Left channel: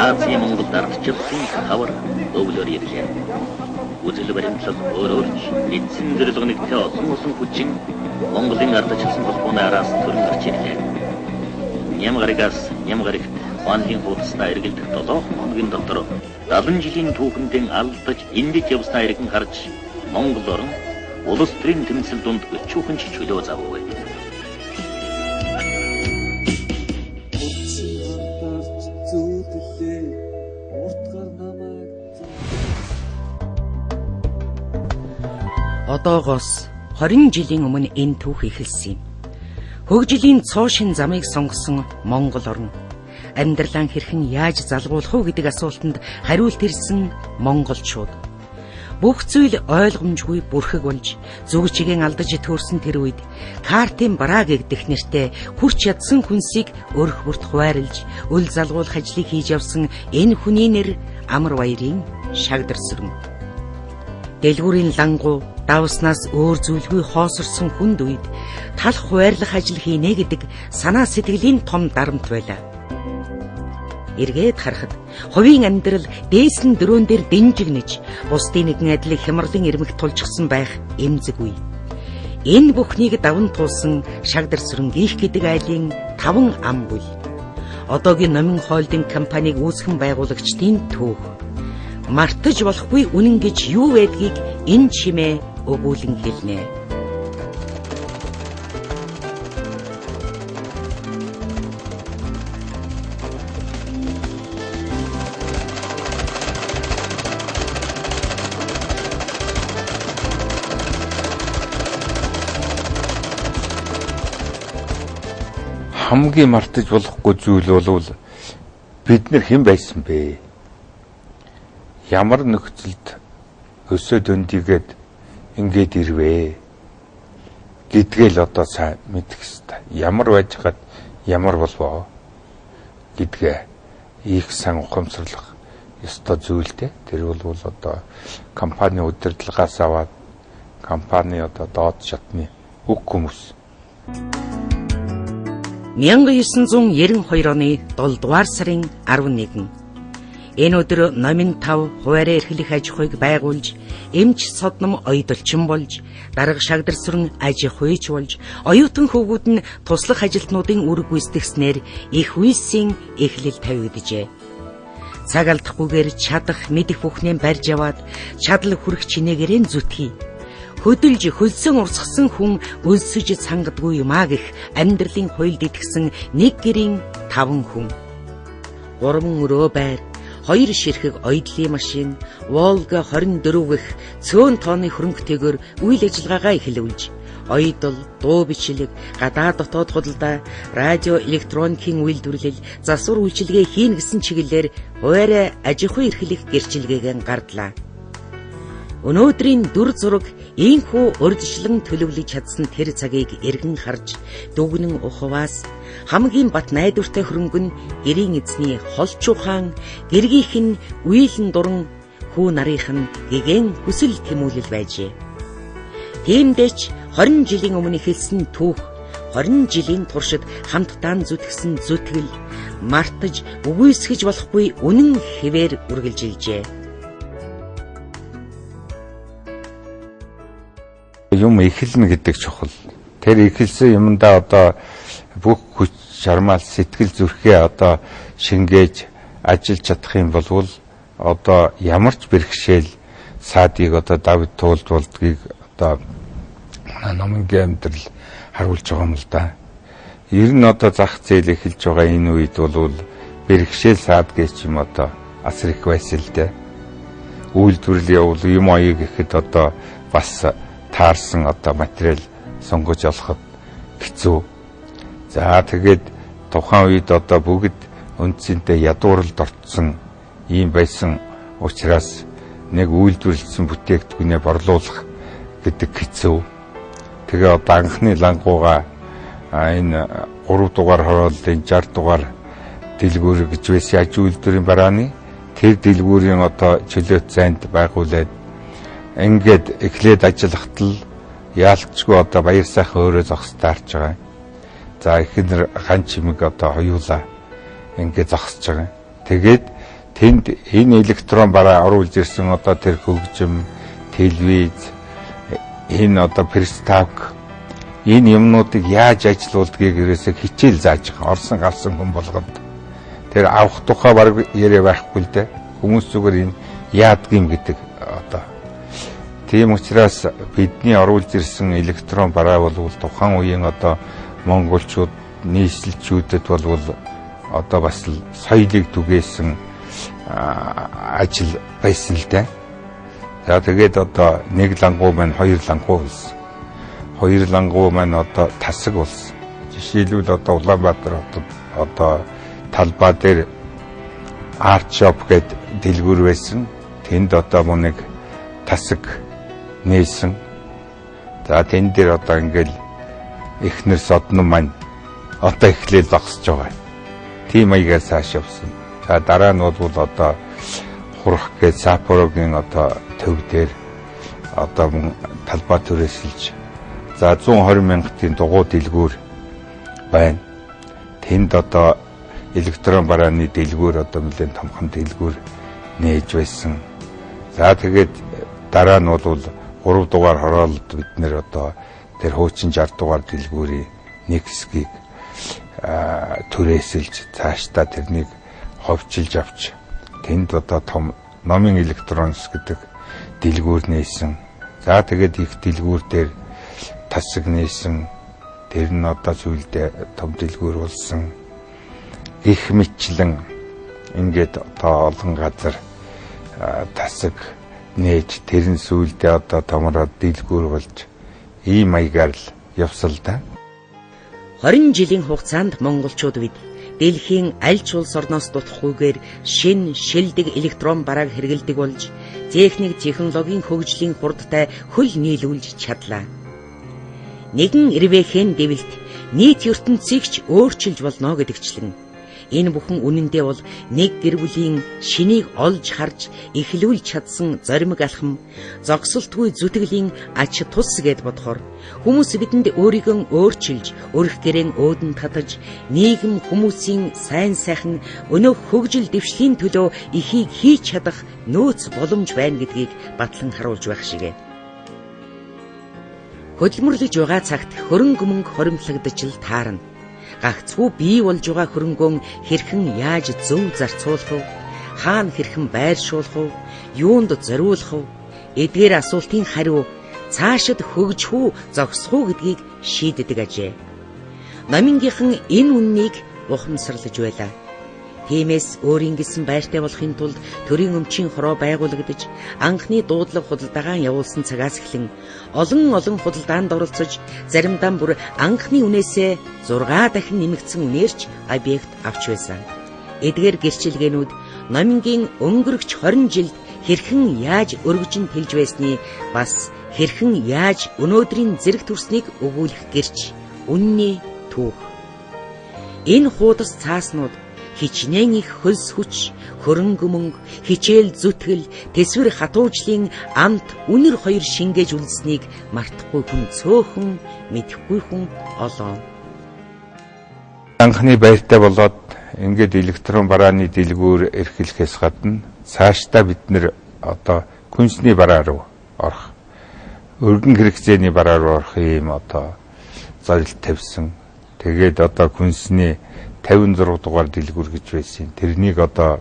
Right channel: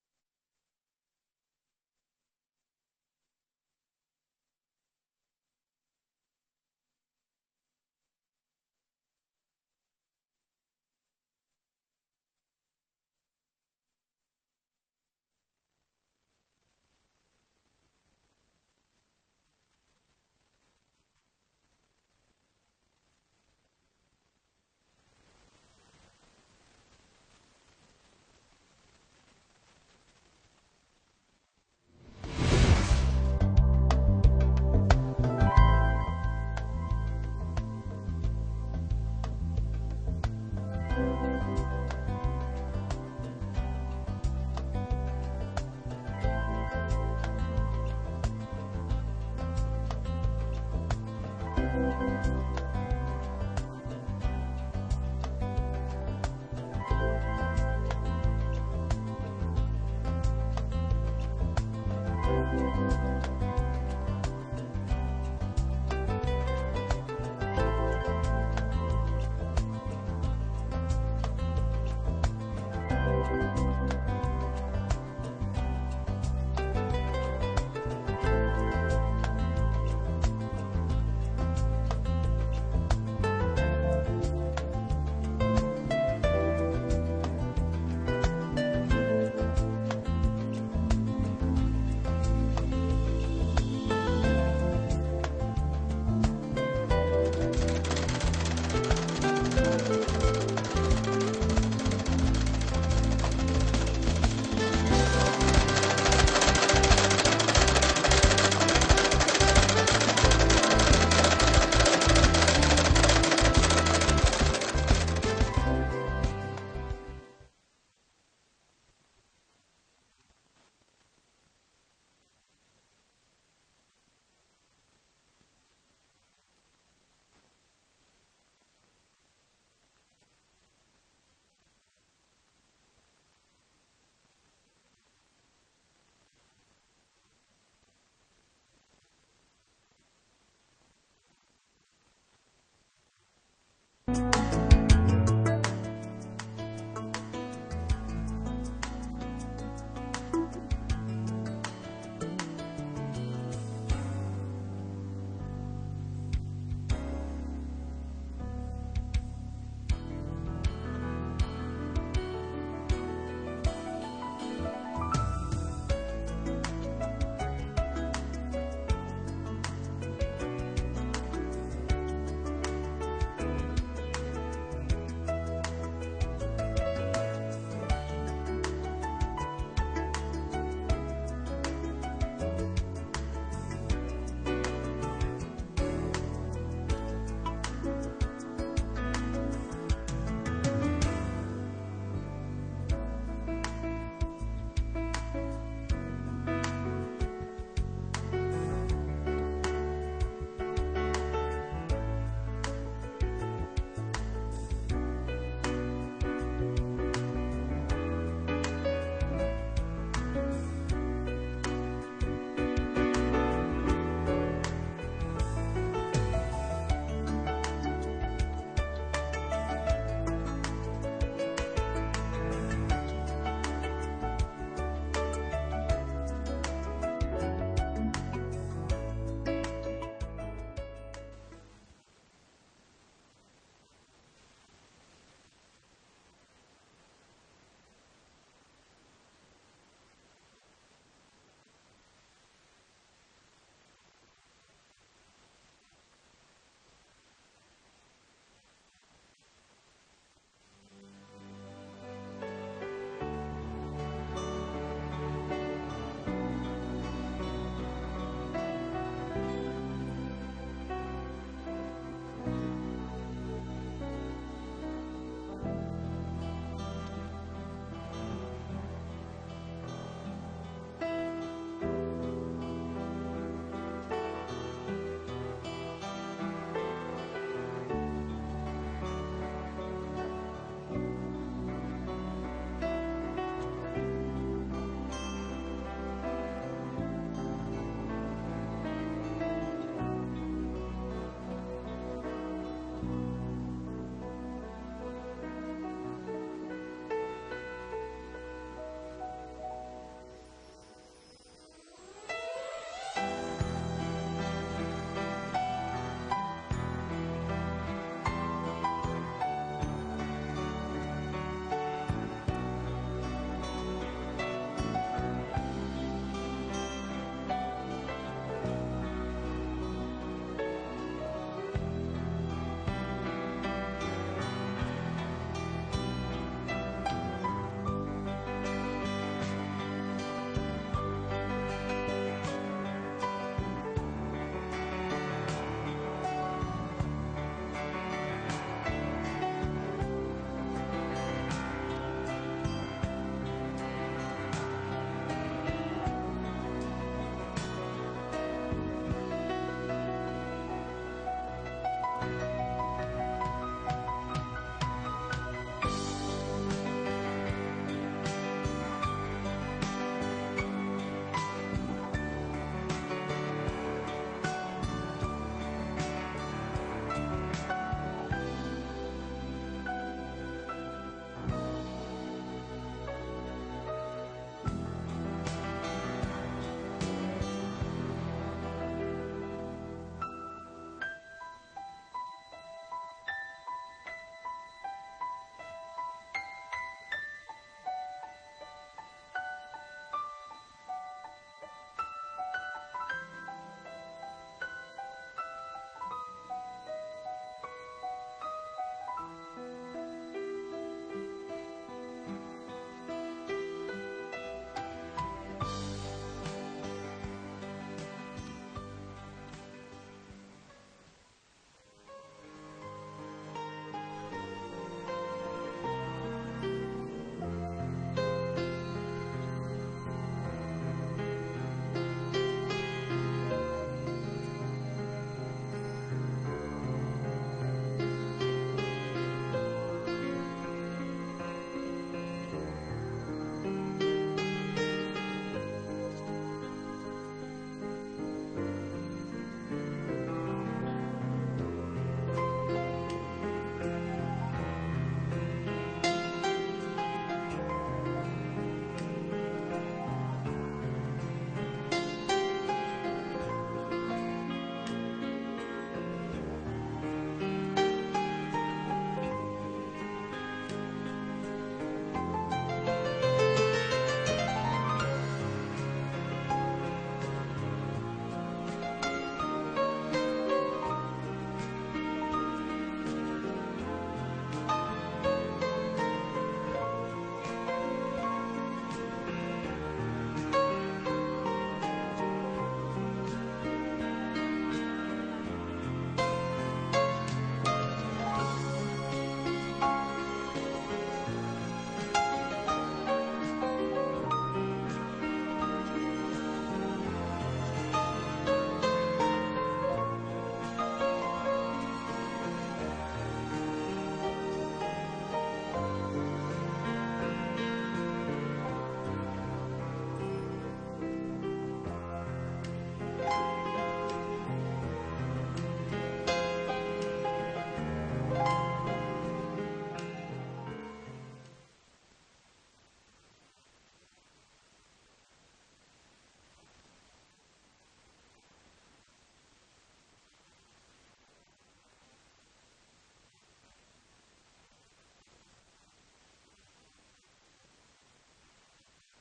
Азийн Монгол ардчилсан хавар өвлөөр ирлээ. Үзэл баримтлал өөрөөрч эзэн зэрлэгнэгтэй олон хүчин Монголын ардчилсан холбооны араас төрн гарч ирлээ. Нямгаригаас Нямгаригт Хуанлын хуудасна эргэлдэх 7 хоногийн дотор 70 жилийн түүхэндээ алдаж эндэж явснаа иргэн харж Монгол орн улс төрийн тэмцэл дунд өчүүхэн чөлөө завгүй. Одоогоос 20 жилийн өмнө энэ түүх эхэлсэн юм. Хөгжлийн цоошин замыг сонгосон Монгол орн амьдралаа хэрхэн яаж залгуулах вэ гэдэг асуултанд хариулт ирсэн монголчууд. Бүх зүйл ойлгомжгүй бүрхэг болж зүгчигийн алдаж төрсөн тэр үед Картын бараа гэгдэх нэртэй хүрч ядсан хүнсийг өрх бүрт хуваарлж үл залгуулах ажлыг хийж явсан энэ хүний нэр Амар Баярын Шагдар Сүрэн. Дэлгүүрийн лангуу давснаас өөр зүйлгүй хоосорсон хүнд үед талх хуваарлах ажил хийнэ гэдэг санаа сэтгэлийн том дарамт байлаа. Эргээд харахад хувийн амьдрал дээсэн дөрөөн дээр дэнжигнэж бусдын нэгэн адилыг хямралын ирмэгт тулжсан байх эмзэггүй. Энэ бүхнийг даван туулсан Шагдар Сүрэн гих гэдэг айлын 5 ам буй. Одоогийн номин холдинг компаниг үүсгэн байгуулагчдын төв. Мартаж болохгүй үнэн гэж юу байдгийг энэ чимээ өгүүлэн хэлнэ. Хамгийн мартаж болохгүй зүйл бол бид нар хэн байсан бэ? Ямар нөхцөлд өсөөд өндийгээд ингээд ирвэ гэдгээл одоо сайн мэдэх ёстой. Ямар байж хад ямар болвоо гэдгээ их сан ухамсарлах ёстой зүйлтэй. Тэр бол одоо компани удирдлагаас аваад компани одоо доод шатны үг хүмүүс. 1992 оны 7 дугаар сарын 11. Энэ өдөр номин 5 хуваарь эрхлэх аж ахуйг байгуулж, эмч содном оюуталчин болж, дарга Шагдар Сүрэн аж ахуйч болж, оюутан хөвгүүд нь туслах ажилтнуудын үр гүйцэтгснээр их үйлсийн эхлэл тавигджээ. Цаг алдахгүйгээр чадах, мэдэх бүхнээ барьж яваад, чадал хүрэх чинээгээрээ зүтгэе. Хөдөлж хөлсөн урсгсан хүн өлсөж цангадгүй юмаа гэх амьдралын хуйлд итгэсэн нэг гэрийн 5 хүн. 3 өрөө байр, 2 ширхэг оёдлын машин, Волга 24 гэх цөөн тооны хөрөнгөтэйгээр үйл ажиллагаагаа эхлүүлж, оёдол, дуу бичлэг, гадаад дотоод худалдаа, радио, электроникийн үйлдвэрлэл, засвар үйлчилгээ хийн гэсэн чиглэлээр хуваарь аж ахуй эрхлэх гэрчилгээгээ гардлаа. Өнөөдрийн дүр зураг ийхүү урьдчилан төлөвлөж чадсан тэр цагийг эргэн харж дүгнэн ухваас хамгийн бат найдвартай хөрөнгө нь гэрийн эзний холчуухан, гэргийнх нь үеийн дуран, хүү нарийнх нь гэгэн хүсэл тэмүүлэл байжээ. Тиймдээч 20 жилийн өмнө эхэлсэн түүх, 20 жилийн туршид хамтдаа зүтгэсэн зүтгэл, мартаж үгүйсгэж болохгүй үнэн хэвээр үргэлжилжээ. Юм эхэлнэ гэдэг чухал. Тэр эхэлсэн юмдаа одоо бүх хүч шармал сэтгэл зүрхээ одоо шингээж ажиллаж чадах юм бол одоо ямар ч бэрхшээл саадыг одоо давд туулдгийг одоо номингийн амьдрал харуулж байгаа юм л да. Ер нь одоо зах зээл эхэлж байгаа энэ үед бол бэрхшээл саад гэж юм одоо асар их байсан л дээ. Үйлдвэрлэл явуул юм аяг гэхэд одоо бас таарсан одоо материал сонгож олоход хэцүү. За тэгээд тухайн үед одоо бүгд үндсэндээ ядууралд орцсон ийм байсан учраас нэг үйлдвэрлэсэн бүтээгдэхүүнээ борлуулах гэдэг хэцүү. Тэгээ одоо анхны лангууга энэ 3 дугаар хорооллын 60 дугаар дэлгүүр гэж байсан аж үйлдвэрийн барааны тэр дэлгүүрийн одоо чөлөөт зайд байгуулад ингээд эхлээд ажиллахад л яалтчгүй одоо баяр сайхан өөрөө зогс таарч байгаа. За ихэнэр хан чимэг одоо хоёулаа ингээд зогсож байгаа. тэгээд тэнд энэ электрон бараа оруулж ирсэн одоо тэр хөгжим, телевиз, энэ одоо приставк энэ юмнуудыг яаж ажилуулдгийг ерөөсөө хичээл зааж байгаа. Орсон гарсан хүн болгоод тэр авах тухай баг яриа байхгүй л дээ. Хүмүүс зүгээр энэ яадгийм гэдэг одоо. Тийм учраас бидний оруулж ирсэн электрон бараа бол тухайн үеийн одоо монголчууд, нийслэлчүүдэд бол одоо бас соёлыг түгээсэн ажил байсан л дээ. За тэгээд одоо нэг лангуу маань хоёр лангуу болсон. Хоёр лангуу маань одоо тасаг болсон. Жишээлбэл одоо Улаанбаатар хотод одоо талбай дээр арт шоп гэдэг дэлгүүр байсан. Тэнд одоо нэг тасаг нээсэн. За тэн дээр одоо ингээл эхнэр содно маань одоо эхлээл багсаж байгаа. Тийм маягаар цааш явсан. За дараа нь бол одоо хурах гэж Саппорогийн одоо төв дээр одоо талбай түрээсэлж за 120 мянгатын дугуй дэлгүүр байна. Тэнд одоо электрон барааны дэлгүүр одоо нэлээд томхон дэлгүүр нээж байсан. За тэгээд дараа нь бол 3 дугаар хороолд бид нэр одоо тэр хуучин 60 дугаар дэлгүүрийн нэг хэсгийг түрээсэлж цаашдаа тэрнийг ховчилж авч тэнд одоо том номын электронс гэдэг дэлгүүр нээсэн. За тэгээд их дэлгүүр дээр тасаг нээсэн. Тэр нь одоо сүүлдээ том дэлгүүр болсон. Их мэтлэн ингээд одоо олон газар тасаг нээж тэр нь сүүлдээ одоо томроод дэлгүүр болж ийм маягаар л явсал да. 20 жилийн хугацаанд монголчууд бид дэлхийн аль ч улс орноос дутахгүйгээр шин шилдэг электрон барааг хэрэглэдэг болж техник технологийн хөгжлийн хурдтай хөл нийлүүлж чадлаа. Нэгэн эрвэхэн дэвэлт нийт ертөнцийг ч өөрчилж болно гэдэгчлэн энэ бүхэн үнэндээ бол нэг гэр бүлийн шинийг олж харж эхлүүлж чадсан зоримог алхам, зогсолтгүй зүтгэлийн ач тус гэд бодохоор хүмүүс бидэнд өөрийгөө өөрчилж, өрх гэрэн өөдөн татаж, нийгэм хүмүүсийн сайн сайхан өнөөх хөгжил дэвшлийн төлөө ихийг хийж чадах нөөц боломж байна гэдгийг батлан харуулж байх шигэ. Хөдөлмөрлөж байгаа цагт хөрөнгө мөнгө хоримтлагдаж л таарна. Гагцхүү бий болж байгаа хөрөнгөө хэрхэн яаж зөв зарцуулах вэ? Хаана хэрхэн байршуулах вэ? Юунд зориулах вэ? Эдгээр асуултын хариу цаашид хөгжих үү, зогсох уу гэдгийг шийддэг ажээ. Номингийнхан энэ үннийг ухамсарлаж байлаа. Тиймээс өөрийн гэсэн байртай болохын тулд төрийн өмчийн хороо байгуулагдаж анхны дуудлага худалдаагаа явуулсан цагаас эхлэн олон худалдаанд оролцож заримдаа бүр анхны үнээсээ 6 дахин нэмэгдсэн нэрч объект авч байсан. Эдгээр гэрчилгээнүүд номингийн өнгөрөгч 20 жилд хэрхэн яаж өргөжин тэлж байсныг бас хэрхэн яаж өнөөдрийн зэрэг төрснийг өгүүлэх гэрч үнний түүх. Энэ хуудас цааснууд хичнээн их хөлс хүч, хөрөнгө мөнгө, хичээл зүтгэл, тэсвэр хатуужлын амт үнэр хоёр шингээж үлдсэнийг мартахгүй хүн цөөхөн, мэдэхгүй хүн олоо. Анхны баяртай болоод ингээд электрон барааны дэлгүүр эрхлэхээс гадна цаашдаа бид нэр одоо күнсний бараа руу орох, өргөн хэрэгцээний бараа руу орох юм одоо зорилт тавьсан. Тэгээд одоо күнсний 56 дугаар дэлгүүр гэж байсан. Тэрнийг одоо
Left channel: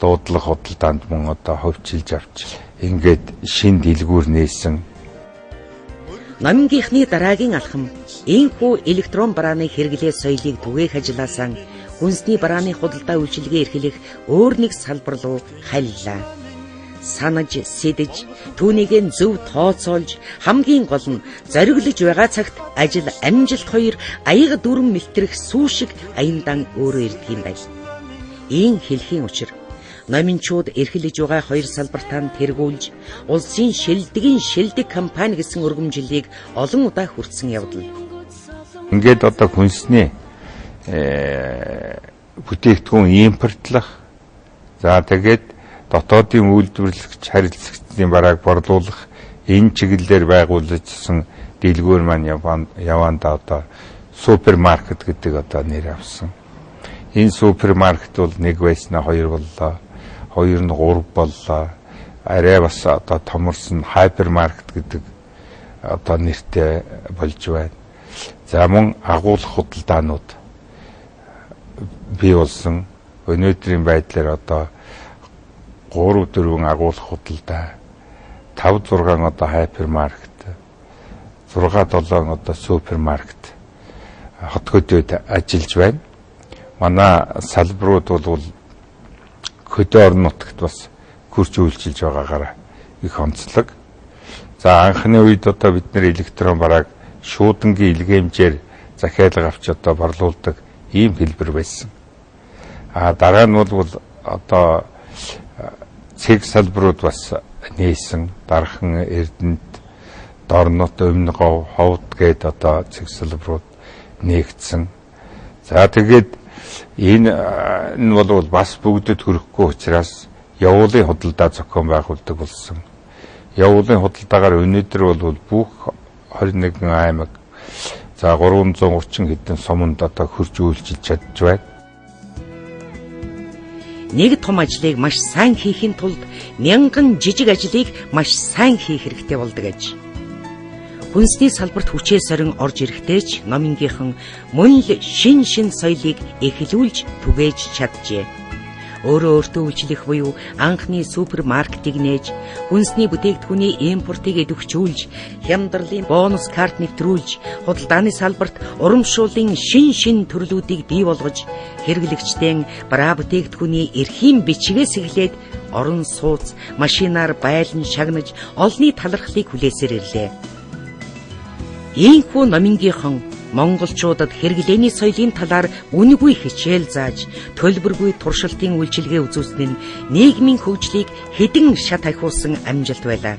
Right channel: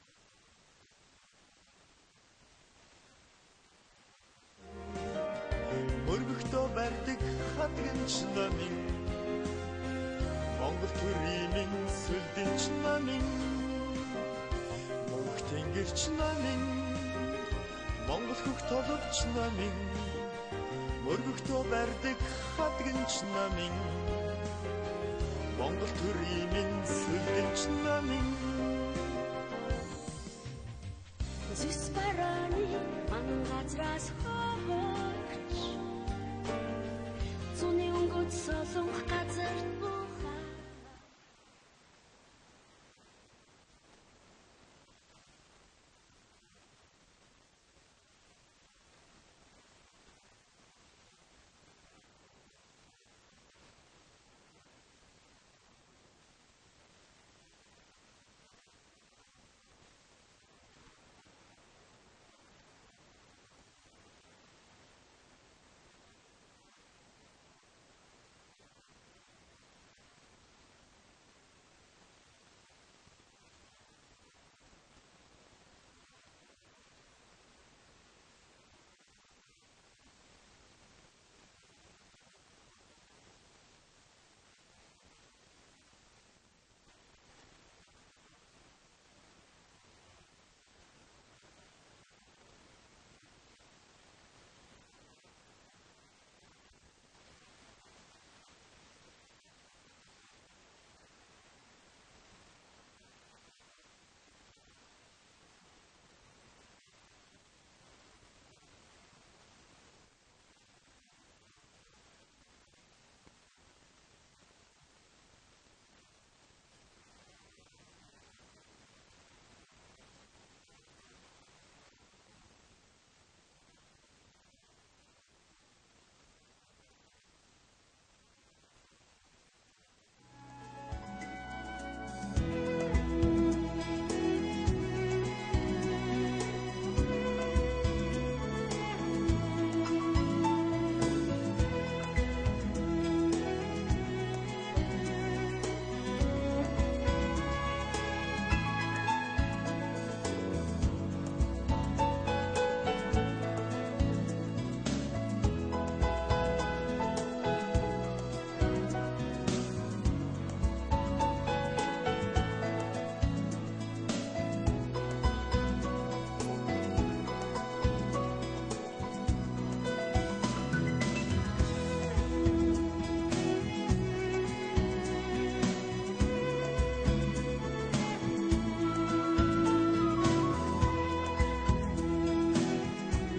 дуудлага худалдаанд мөн одоо ховчилж авч ингээд шин дэлгүүр нээсэн. Номингийнхны дараагийн алхам энэхүү электрон барааны хэрэглээ соёлыг түгээх ажилласаа хүнсний барааны худалдаа үйлчилгээ эрхлэх өөр нэг салбар руу хайллаа. Санаж, сэдэж, түүнийг зөв тооцоолж, хамгийн гол нь зориглож байгаа цагт ажил амжилт хоёр аяга дүрм мэлтрэх сүү шиг аяндан өөрөө ирдэг юм байна. Ийм хэлхийн учир номинчууд эрхлэж байгаа хоёр салбартаа тэргүүлж, улсын шилдэг компани гэсэн өргөмжлөлийг олон удаа хүртсэн явдал. Ингээд одоо хүнсний бүтээгдэхүүн импортлох, за тэгээд дотоодын үйлдвэрлэгч харилцагчдын барааг борлуулах энэ чиглэлээр байгуулагдсан дэлгүүр маань Яванда одоо супермаркет гэдэг одоо нэр авсан. Энэ супермаркет бол нэг байснаа хоёр боллоо. Хоёр нь гурав боллоо. Арай бас одоо томорсон хайпермаркет гэдэг одоо нэртэй болж байна. За мөн агуулгах худалдаанууд бий болсон. Өнөөдрийн байдлаар одоо 3-4 агуулгах худалдаа, 5-6 одоо хайпермаркет, 6-7 одоо супермаркет хотгодод ажиллаж байна. Манай салбарууд бол хөдөө орон нутагт бас хурж үйлчилж байгаагаар их онцлог. За анхны үед одоо бид нэр электрон барааг шуудангийн илгээмжээр захиалга авч одоо борлуулдаг ийм хэлбэр байсан. Дараа нь бол одоо цэг салбарууд бас нээсэн. Дархан Эрдэнэт, Дорнот, Өмнөгов, Ховд гээд одоо цэг салбарууд нээгдсэн. За тэгээд энэ нь бол бас бүгдэд хүрэхгүй учраас явуулын худалдаа зохион байгуулдаг болсон. Явуулын худалдаагаар өнөөдөр бол бүх 21 аймаг за 330 хэдэн суманд одоо хурж үйлчилж чадж байна. Нэг том ажлыг маш сайн хийхин тулд мянган жижиг ажлыг маш сайн хийх хэрэгтэй болдог аж. Хүнсний салбарт хүчээ сорин орж ирэхдээ ч номингийнхан мөн л шин соёлыг эхлүүлж түгээж чаджээ. Өөрөө өөртөө үйлчлэх буюу анхны супермаркетыг нээж, хүнсний бүтээгдэхүүний импортыг идэвхжүүлж, хямдралын бонус карт нэвтрүүлж, худалдааны салбарт урамшууллын шин төрлүүдийг бий болгож, хэрэглэгчдийн бараа бүтээгдэхүүний эрхийн бичгээс эхлээд орон сууц, машинаар байлан шагнаж, олонний талархлыг хүлээсээр ирлээ. Ийхүү номингийнхан монголчуудад хэрэглээний соёлын талаар үнэгүй хичээл зааж, төлбөргүй туршилтын үйлчилгээ үзүүлсэн нь нийгмийн хөгжлийг хэдэн шат ахиулсан амжилт байлаа.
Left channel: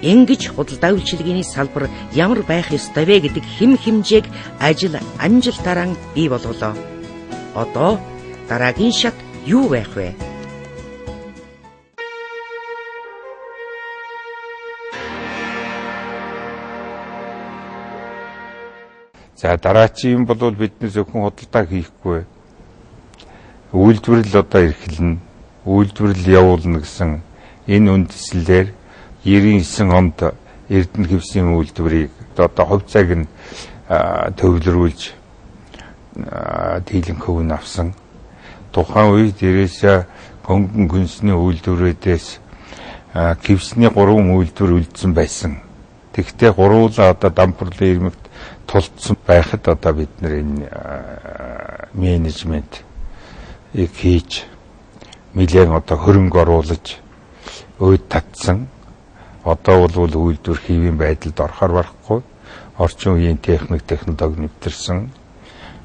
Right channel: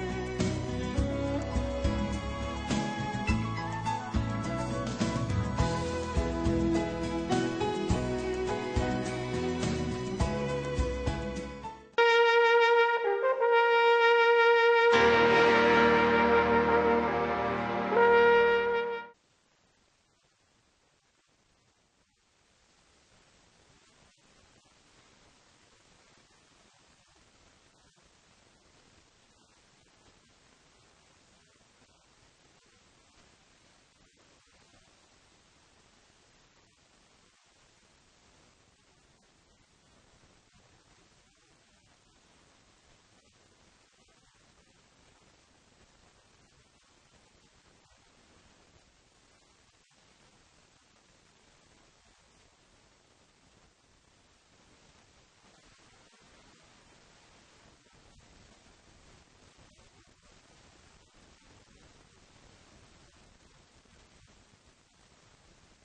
Ингэж худалдаа үйлчилгээний салбар ямар байх ёстой вэ гэдэг хэм хэмжээг ажил амжилтаараа бий болголоо. Одоо дараагийн шат юу байх вэ? За дараачийн бол бидний зөвхөн худалдаа хийхгүй. Үйлдвэрлэл одоо эрхэлнэ. Үйлдвэрлэл явуулна гэсэн энэ үндслээр 99 онд Эрдэнэ хэвсийн үйлдвэрийг одоо хувьцааг нь төвлөрүүлж дийлэн хөвн авсан. Тухайн үед ерөөсөө хөнгөн хүнсний үйлдвэрүүдээс хэвсний 3 үйлдвэр үлдсэн байсан. Тэгвэл гурвуулаа одоо дампурлын ирмэгт тулцсан байхад одоо бид нар энэ менежмент хийж нэлээд одоо хөрөнгө оруулаж өөд татсан. Одоо бол үйлдвэр хийвийн байдалд орохоор барахгүй. Орчин үеийн технологи нэвтэрсэн.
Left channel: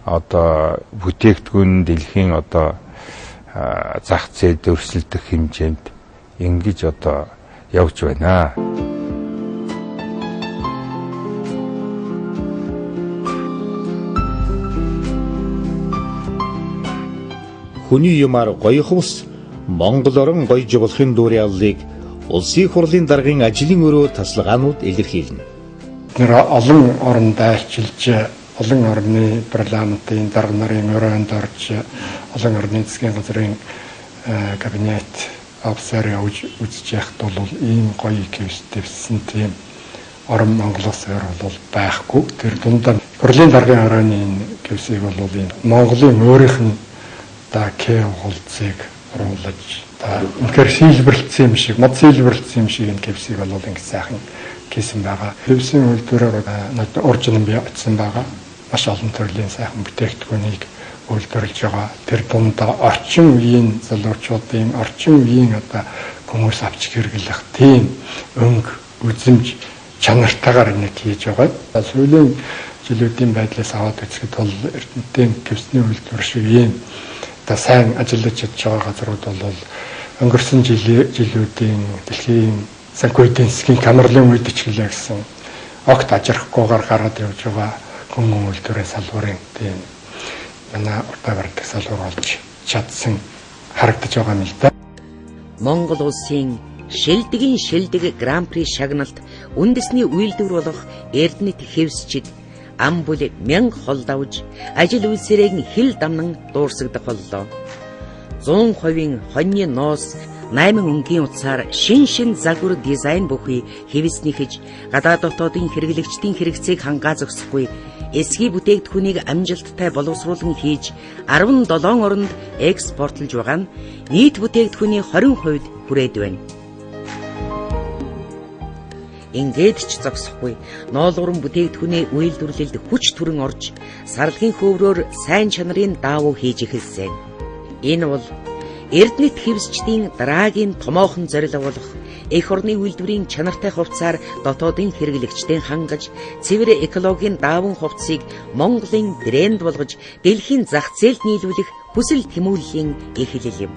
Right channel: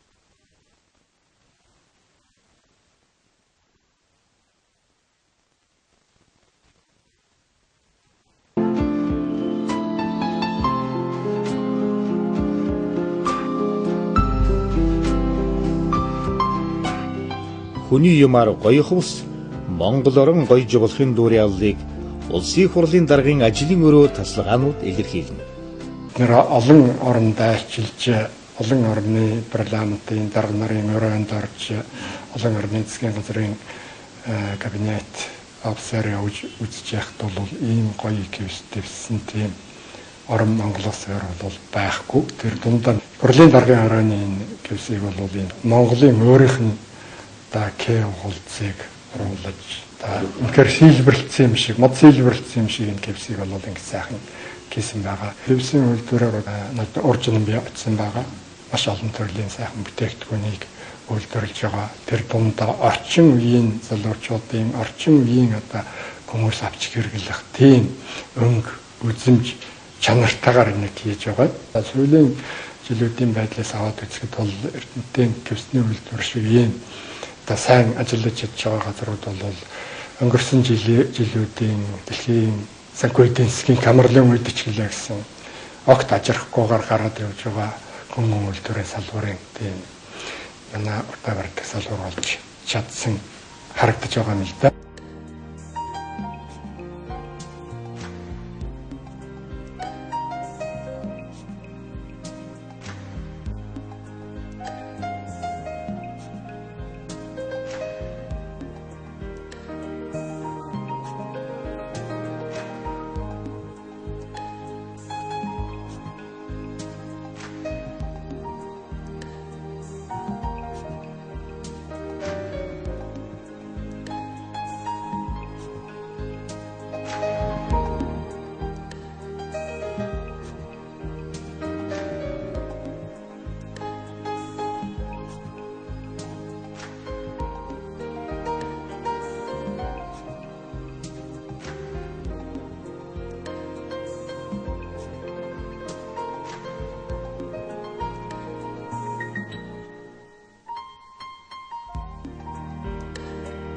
Одоо бүтээгдэхүүн дэлхийн одоо зах зээлд өрсөлдөх хэмжээнд ингэж одоо явж байна. Хүний юмар гоёхвс Монгол орон гоё жуулахын дүүрийн авлыг улсын хурлын даргын ажлын өрөө тасалгаанууд илэрхийлнэ. Тэр олон оронд айлчилж, олон орны парламентын дарга нарын өрөөнд орж, олон орны засгийн газрын кабинет офицер үзэж яхад бол ийм гоё кэвстэвсэн тийм орон Монголоос бол байхгүй. Тэр дундаа хурлын даргын орооны кэвсийг бол энэ Монголын өөрийнх нь хулцыг оруулж үнэхээр сийлбэрлэлсэн юм шиг, мод сийлбэрлэлсэн юм шиг энэ кэвсийг бол ингэ сайхан хийсэн байгаа. Кэвсийн үйлдвэрээр уржин бий очсон байгаа. Маш олон төрлийн сайхан бүтээгдэхүүнийг үйлдвэрлэж байгаа. Тэр дундаа орчин үеийн залуучуудын, орчин үеийн одоо хүмүүс авч хэрэглэх тийм өнгө, үзэмж чанартайгаар энийг хийж байгаа. Сүүлийн жилүүдийн байдлаас аваад үзэхэд бол Эрдэнэтийн кэвсний үйлдвэр шиг ийм сайн ажиллаж чадж байгаа газрууд бол өнгөрсөн жилүүдийн дэлхийн санхүүгийн засгийн камерлын үед ч гэлээ гэсэн огт ажрахгүйгээр гараад явж байгаа хүмүүн үйлдвэрийн салбарын тийм манай уртаа бардаг салбар болж чадсан харагдаж байгаа юм л да. Монгол улсын шилдэг гран при шагналт үндэсний үйлдвэр болох Эрдэнэт хэвсчид ам бүл 1000 хол давж ажил үйлсээрээ хил дамнан дуурсагдах боллоо. 100% хоньны ноос 8 өнгийн утсаар шин загвар дизайн бүхий хэвснийхэж гадаад дотоодын хэрэглэгчдийн хэрэгцээг хангаа зогсохгүй эсхий бүтээгдэхүүнийг амжилттай боловсруулан хийж 17 оронд экспортлж байгаа нь нийт бүтээгдэхүүний 20% хүрээд байна. Ингээд ч зогсохгүй ноолгорон бүтээгдэхүүний үйлдвэрлэлд хүч төрөн орж сарлагын хөврөөр сайн чанарын даавуу хийж эхэлсэн. Энэ бол Эрдэнэт хэвсчдийн дараагийн томоохон зорилго болох эх орны үйлдвэрийн чанартай хувцсаар дотоодын хэрэглэгчдийн хангаж цэвэр экологийн дааван хувцсыг Монголын брэнд болгож дэлхийн зах зээлд нийлүүлэх хүсэл тэмүүллийн эхлэл юм.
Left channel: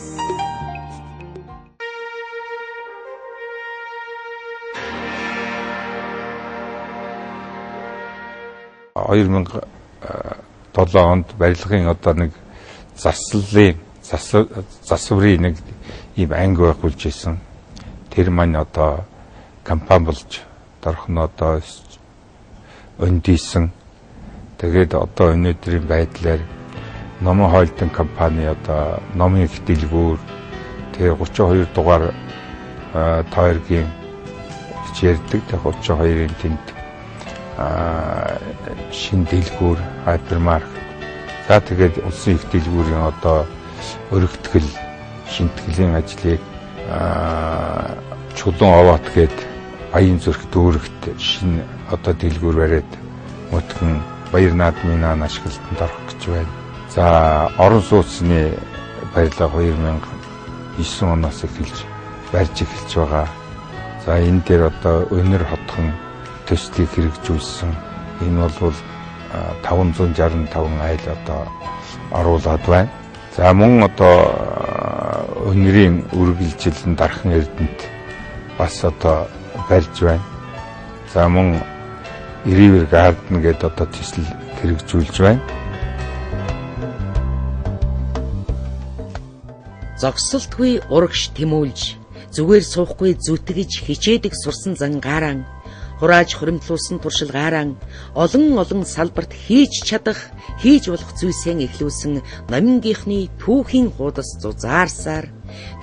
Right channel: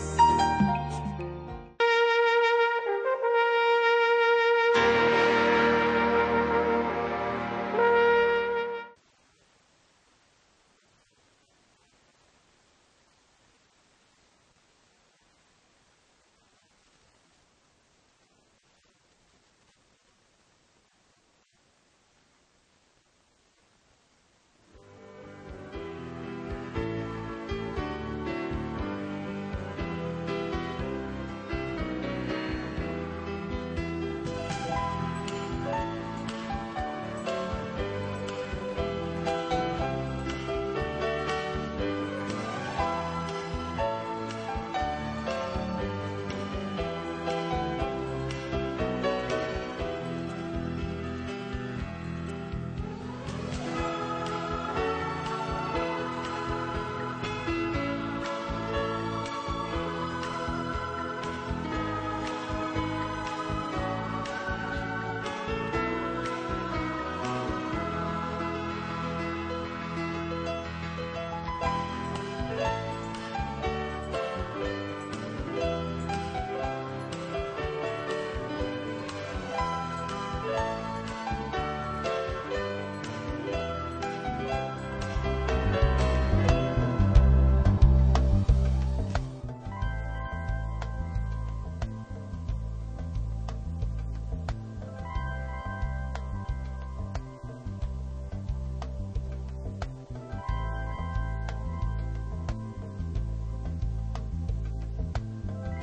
$2007 онд барилгын одоо нэг засврын нэг ийм анги байгуулж исэн. Тэр маань одоо компани болж дарах нь одоо өндийсэн. Тэгээд одоо өнөөдрийн байдлаар номын хоолтын компани одоо номын их дэлгүүр тэгээ 32 дугаар тойргийн ярьдаг. Тэгээ 32-ын тэнд шин дэлгүүр хайпермаркет. За тэгээд улсын их дэлгүүрийн одоо өргөтгөл шинтгэлийн ажлыг чулуун овоот гээд Баян зүрх дүүрэгт шинэ одоо дэлгүүр бариад мөтгөн баяр наадмын ашиглалтанд орох гэж байна. За орон сууцны баялаг 2009 оноос эхэлж барьж эхэлж байгаа. За энэ дээр одоо өнөр хотхон төслийг хэрэгжүүлсэн. Энэ бол 565 айл одоо оруулаад байна. За мөн одоо өнөрийн үргэлжилэн дархан эрдэнэт бас одоо барьж байна. За мөн River Garden гэдэг одоо төсөл хэрэгжүүлж байна. Зогсолтгүй урагш тэмүүлж, зүгээр суухгүй зүтгэж хичээдэг сурсан зангаараа хурааж хуримтлуулсан туршилгаараа олон салбарт хийж чадах, хийж болох зүйлсээ эхлүүлсэн номингийнхны түүхийн хуудас зузаарсаар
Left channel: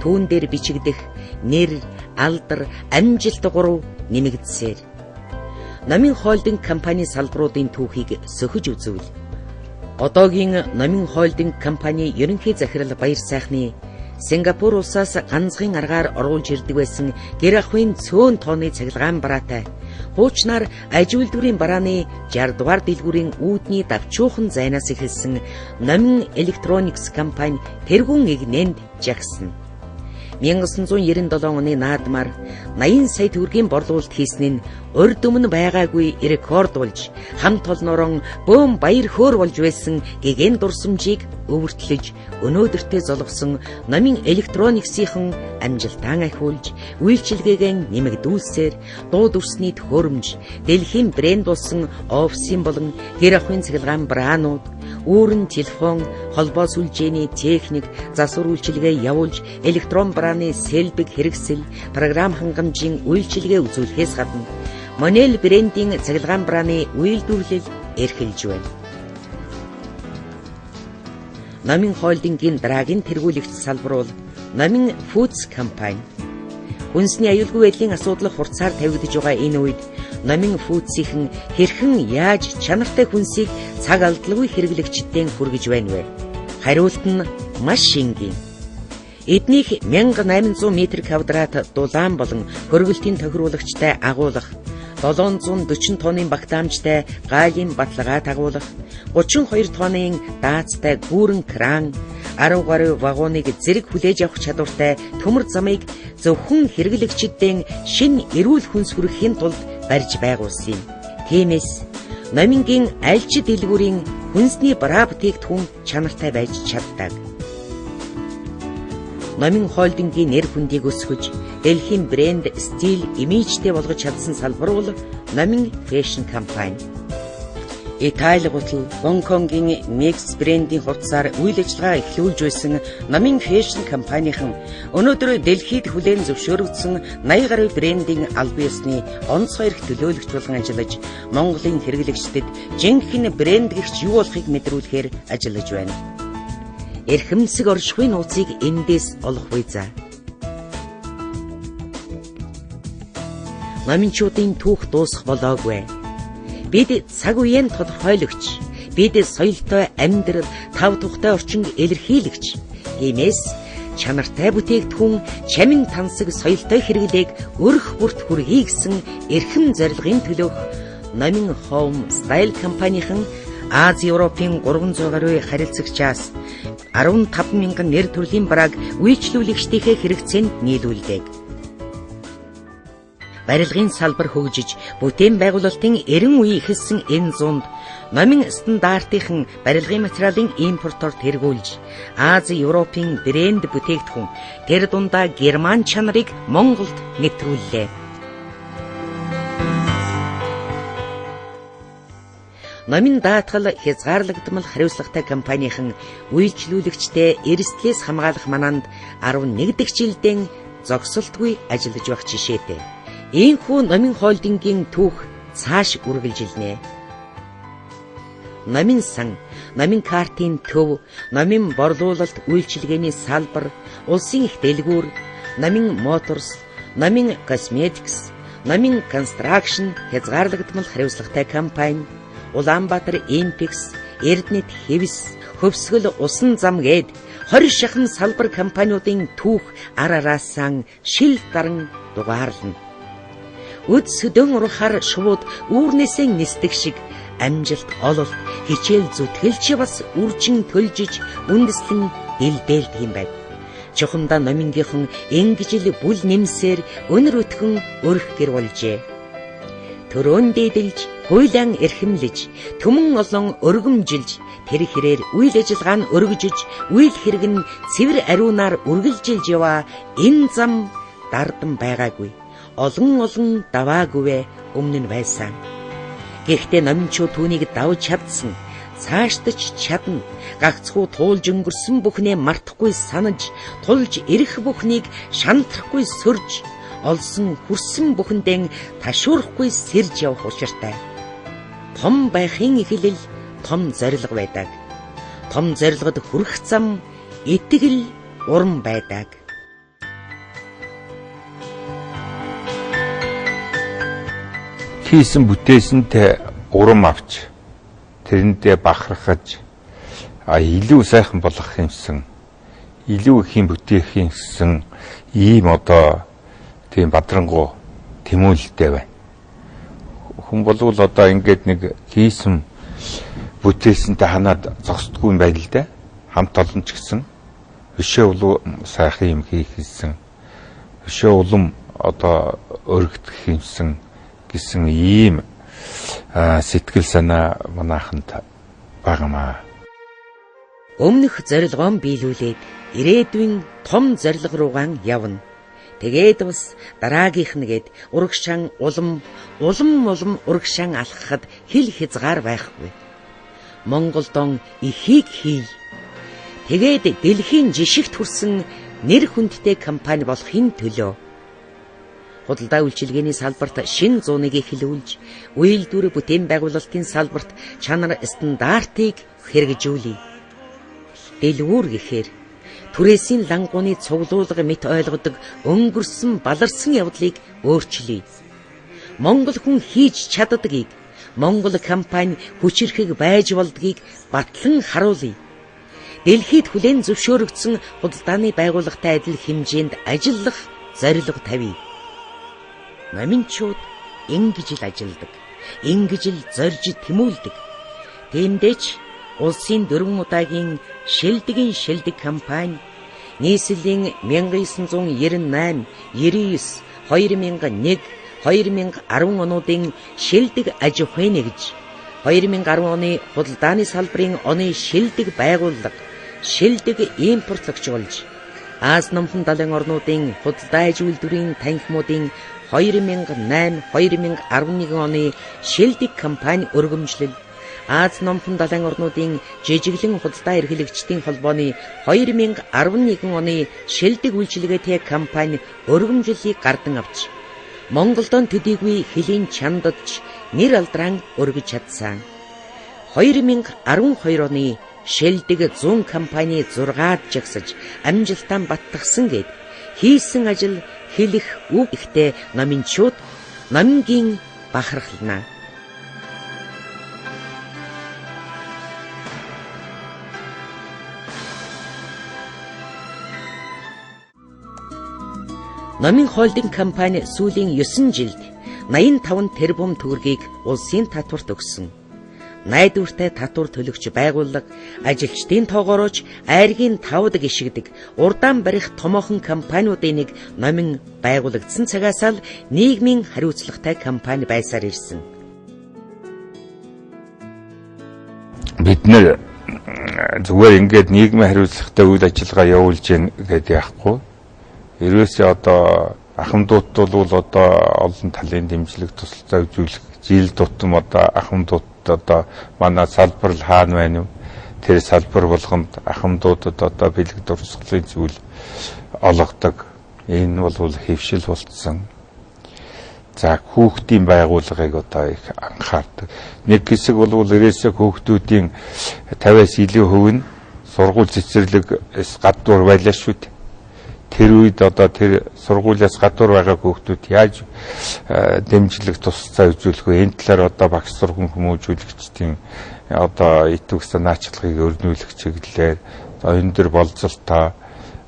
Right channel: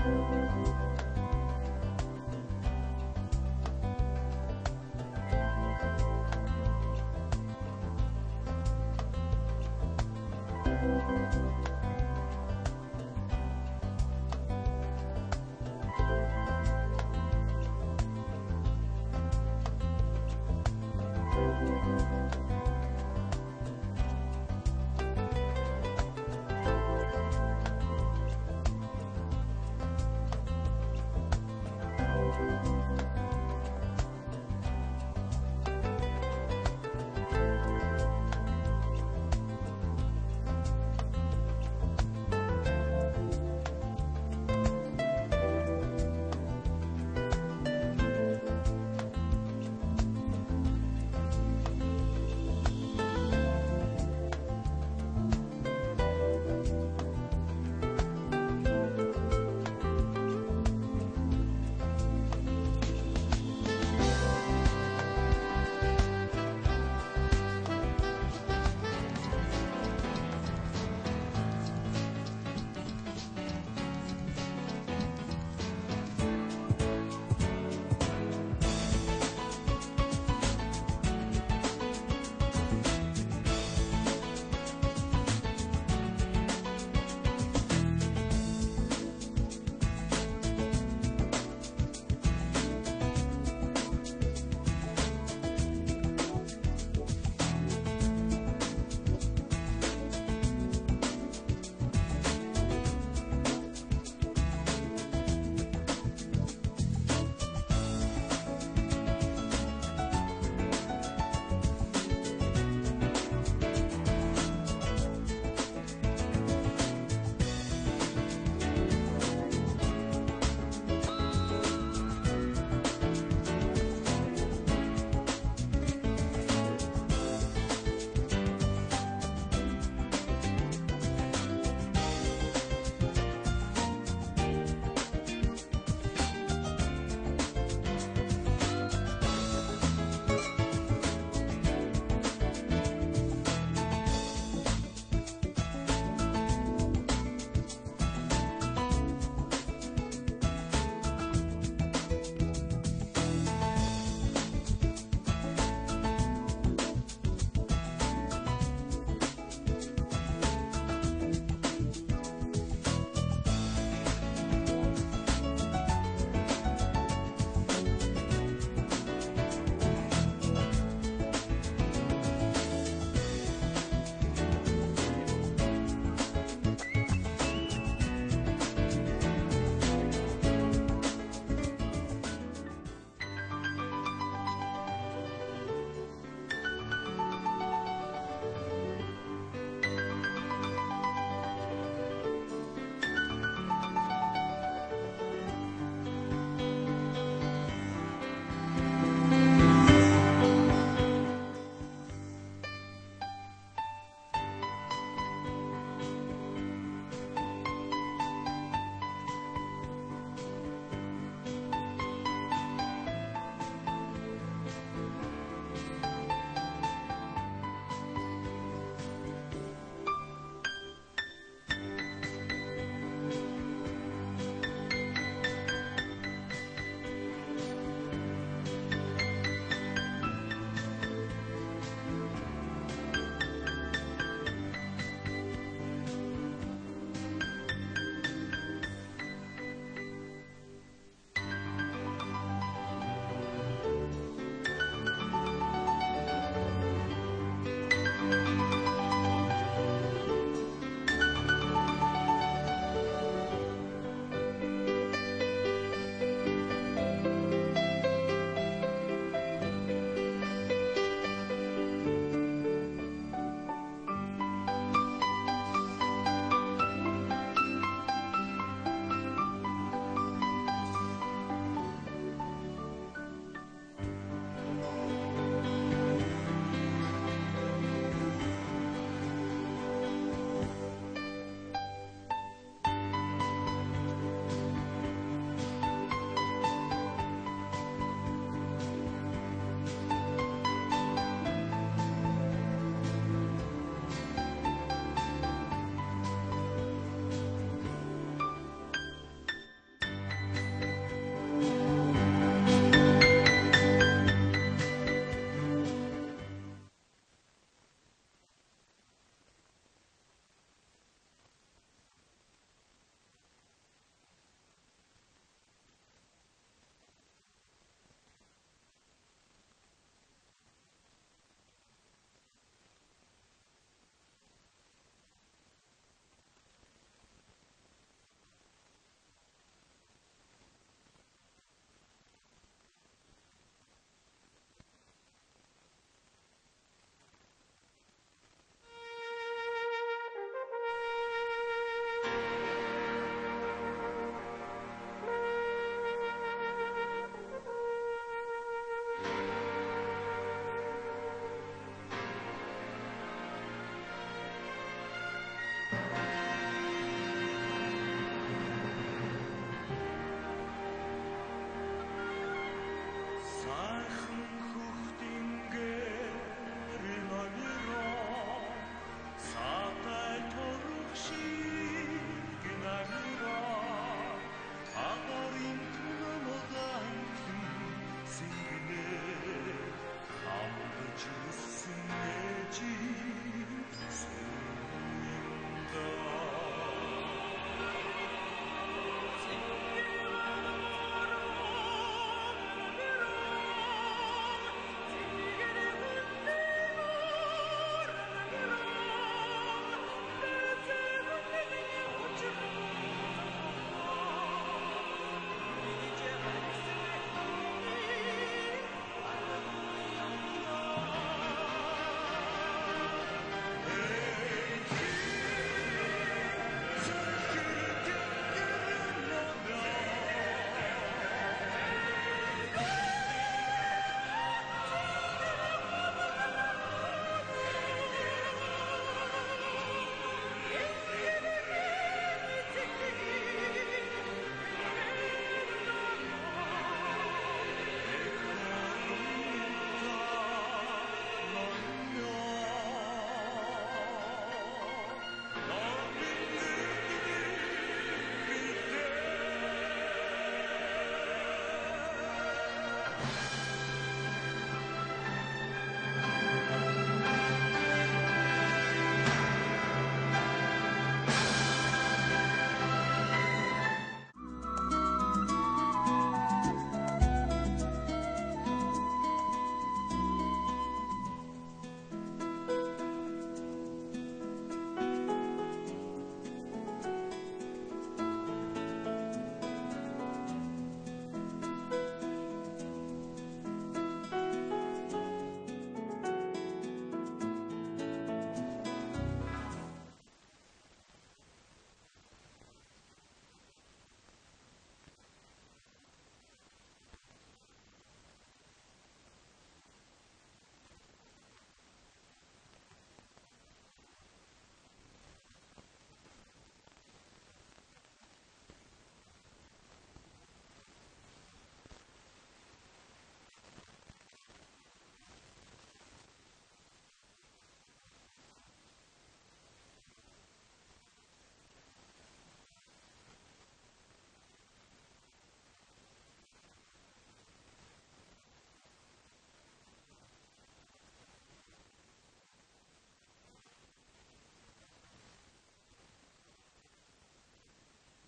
түүн дээр бичигдэх нэр, алдар, амжилт гурав нэмэгдсээр номын хоолдинг компани салбаруудын түүхийг сөхөж үзвэл одоогийн номын хоолдинг компани ерөнхий захирал Баяр сайхны Сингапур улсаас ганцхан аргаар оруулж ирдэг байсан гэр ахуйн цөөн тооны цахилгаан бараатай хуучнаар аж үйлдвэрийн барааны 60 дугаар дэлгүүрийн үүдний давчуухан зайнаас эхэлсэн номин электроникс компани тэргүүн игнэнд жагсан. 1997 оны наадмаар 80 сая төгрөгийн борлуулалт хийсэн нь урд өмнө байгаагүй рекорд болж хамт олноорон бөөм баяр хөөр болж байсан гэгэн дурсамжийг өвөртлөж өнөөдөртөө золгосон номын электрониксийн амжилтаан ахиулж үйлчилгээгээ нэмэгдүүлсээр дууд өрсний төхөөрөмж дэлхийн брэнд болсон офисын болон гэр ахуйн цахилгаан браанууд үүрэн телефон, холбоо сүлжээний техник, засвар үйлчилгээ явуулж электрон брааны сэлбэг хэрэгсэл, програм хангамжийн үйлчилгээ үзүүлэхээс гадна Monel брендийн цахилгаан брааны үйлдвэрлэл эрхэлж байна. Номин холдингийн дараагийн тэргүүлэгч салбар бол Номин Foods компани. Үндэсний аюулгүй байдлын асуудал хурцаар тавигдж байгаа энэ үед Номин Foods-ийн хэрхэн яаж чанартай хүнсийг цаг алдалгүй хэрэглэгчдэд хүргэж байна вэ? Хариулт нь маш энгийн. Эднийх 1800 м2 дулаан болон хөргөлтийн тохируулагчтай агуулга, 740 тонны багтаамжтай гаалын баталгаа тагуулга, 32 тонны даацтай гүүрэн кран, 10 гаруй вагоныг зэрэг хүлээж авах чадвартай төмөр замыг зөвхөн хэрэглэгчдэд шинэ эрүүл хүнс хүргэхийн тулд барьж байгуулсан юм. Тиймээс номингийн аль ч дэлгүүрийн хүнсний бараа бүтээгдэхүүн чанартай байж чаддаг. Номин холдингийн нэр хүндийг өсгөж дэлхийн брэнд стил имижтэй болгож чадсан салбар бол Номин фэшн компани. Итали гутал Гонконгийн Mix брендийн хурцаар үйл ажиллагаа эхлүүлж байсан номын фэшн компанийн өнөөдөр Дэлхийд хүлээн зөвшөөрөгдсөн 80 гаруй брендийн аль биесний онцгой эрх төлөөлөгч болгон ажиллаж Монголын хэрэглэгчдэд жинхэнэ брэнд гэгч юу болохыг мэдрүүлэхээр ажиллаж байна. Эрхэмсэг оршихуй нууцыг эндээс олох үе за. Номинчуудын түүх дуусах болоогүй. Бид цаг үеийн тодорхойлогч, бид соёлтой амьдрал, тав тухтай орчин илэрхийлэгч. Иймээс чанартай бүтээгдэхүүн, чамин тансаг соёлтой хэрэглээг өрх бүрт хүргэе гэсэн эрхэм зорилгын төлөөх Номин Home Style компанийн Ази Европын 300 гаруй харилцагчаас 15,000 нэр төрлийн барааг үйлчлүүлэгчдийнхээ хэрэгцээнд нийлүүлдэг. Барилгын салбар хөгжиж, бүтээн байгуулалтын 90 үе ихэлсэн энэ зуунд номын стандартын барилгын материалын импортоор тэргүүлж, Ази Европын брэнд бүтээгдэхүүн, тэр дундаа Герман чанарыг Монголд нэвтрүүллээ. Номын даатгал хязгаарлагдмал хариуцлагатай компанийн үйлчлүүлэгчтэй эрсдлээс хамгаалах мананд 11 дахь жилдээ зогсолтгүй ажиллаж байх жишээтэй. Ийхүү Номин холдингийн түүх цааш үргэлжилнэ. Номин сан, Номин картын төв, Номин борлуулалт үйлчилгээний салбар, улсын их дэлгүүр, Номин моторс, Номин косметикс, Номин констракшн хязгаарлагдмал хариуцлагатай компани, Улаанбаатар Импекс, Эрдэнэт Хэвс, Хөвсгөл Усан зам гээд 20 шахан салбар компаниудын түүх ар араасаа шил даран дугаарлана. Үд сөдөн урахаар шууд үүрнээсээ нисдэг шиг амжилт ололт хичээл зүтгэлч бас үржин төлжиж үндэслэн дэлдээлдэг юм байна. Чухамдаа номингийнхан ингэжил бүл нэмсээр өнөр өтгөн өрх гэр болжээ. Төрөөн дээдэлж, хуйлаан эрхэмлэж, төмөн олон өргөмжилж, тэр хэрээр үйл ажиллагаа нь өргөжөж, үйл хэрэг нь цэвэр ариунаар үргэлжилж яваа энэ зам дардан байгаагүй. Олон даваагүй өмнө нь байсан. Гэхдээ номинчууд түүнийг давж чадсан, цааштаж чадна, гагцхүү туулж өнгөрсөн бүхнээ мартахгүй санаж, тулж ирэх бүхнийг шантрахгүй сөрж, олсон хүрсэн бүхэндээ ташуурахгүй сэрж явах учиртай. Том байхын эхлэл том зорилго байдаг. Том зорилгод хүрэх зам итгэл урам байдаг. Хийсэн бүтээсэнтэй урам авч тэрэндээ бахархаж илүү сайхан болгох юмсан, илүү их юм бүтээх юмсан ийм одоо тийм бадрангуу тэмүүлэлтэй байна. Хүн болвол одоо ингээд нэг хийсэн бүтээсэнтэй ханаад зогсдгүй юм байна л да. Хамт олон ч гэсэн өшөө улам сайхан юм хийх гэсэн, өшөө улам одоо өргөдөх юмсан гэсэн ийм сэтгэл санаа манайханд багамаа. Өмнөх зорилгоон биелүүлээд ирээдүйн том зорилго руугаа явна. Тэгээд бас дараагийнх нэгэд урагшаан улам урагшаан алхахад хил хязгаар байхгүй. Монголдон ихийг хий. Тэгээд дэлхийн жишигт хүрсэн нэр хүндтэй компани болохын төлөө худалдаа үйлчилгээний салбарт шин зууныг эхлүүлж, үйлдвэр бүтээн байгуулалтын салбарт чанар стандартыг хэрэгжүүлье. Дэлгүүр гэхээр түрээсийн лангууны цуглуулга мэт ойлгодог өнгөрсөн баларсан явдлыг өөрчлөе. Монгол хүн хийж чаддгийг, Монгол компани хүчирхэг байж болдгийг батлан харуулъя. Дэлхийд хүлээн зөвшөөрөгдсөн худалдааны байгууллагатай адил хэмжээнд ажиллах зорилго тавья. Номинчууд ингэж л ажилладаг, ингэж л зорж тэмүүлдэг. Тиймдээч улсын 4 удаагийн шилдэг компани нийслэлийн 1998, 99, 2001, 2010 онуудын шилдэг аж ахуй нэгж, 2010 оны худалдааны салбарын оны шилдэг байгууллага, шилдэг импортлагч болж, Аз номхон далайн орнуудын худалдаа аж үйлдвэрийн танхимуудын 2008-2011 оны шилдэг компани өргөмжлөл, Аз номхон далайн орнуудын жижиглэн худалдаа эрхлэгчдийн холбооны 2011 оны шилдэг үйлчилгээтэй компани өргөмжлөлийг гардан авч Монголдон төдийгүй хөлийн чандадж нэр алдран өргөж чадсан. 2012 оны шилдэг зүүн компани 6-аад жагсаж амжилтан баттгсан гэд хийсэн ажил хэлэх үг ихтэй номинчууд номингийн бахархлана. Номин холдинг компани сүүлийн 9 жилд 85 тэрбум төгрөгийг улсын татварт өгсөн. Найдвартай татвар төлөгч байгууллага ажилчдын тоогоорооч айргийн 5 гишгдэг урдаан барих томоохон компаниудын нэг номин байгуулагдсан цагаас л нийгмийн хариуцлагатай компани байсаар ирсэн. Бид нэр зүгээр ингээд нийгмийн хариуцлагатай үйл ажиллагаа явуулж гин гэдэг яахгүй. Ерөөсөө одоо ахмадууд бол одоо олон талын дэмжлэг тусалцаа үзүүлэх жил тутам одоо ахмадууд одоо манай салбар л хаана байна вэ? Тэр салбар болгонд ахмадуудад одоо бэлэг дурсгалын зүйл олгодог. Энэ бол хэвшил болцсон. За хүүхдийн байгууллагыг одоо их анхаардаг. Нэг хэсэг бол ерөөсөө хүүхдүүдийн 50-аас илүү хувь нь сургууль цэцэрлэгээс гадуур байлаа шүү дээ. Тэр үед одоо тэр сургуулиас гадуур байгаа хүүхдүүд яаж дэмжлэг тусалцаа үзүүлэх вэ? Энэ талаар одоо багш сургууль хүмүүжүүлэгчдийн одоо итвэх санаачлагыг өрнүүлэх чиглэлээр энэ төр болцолтой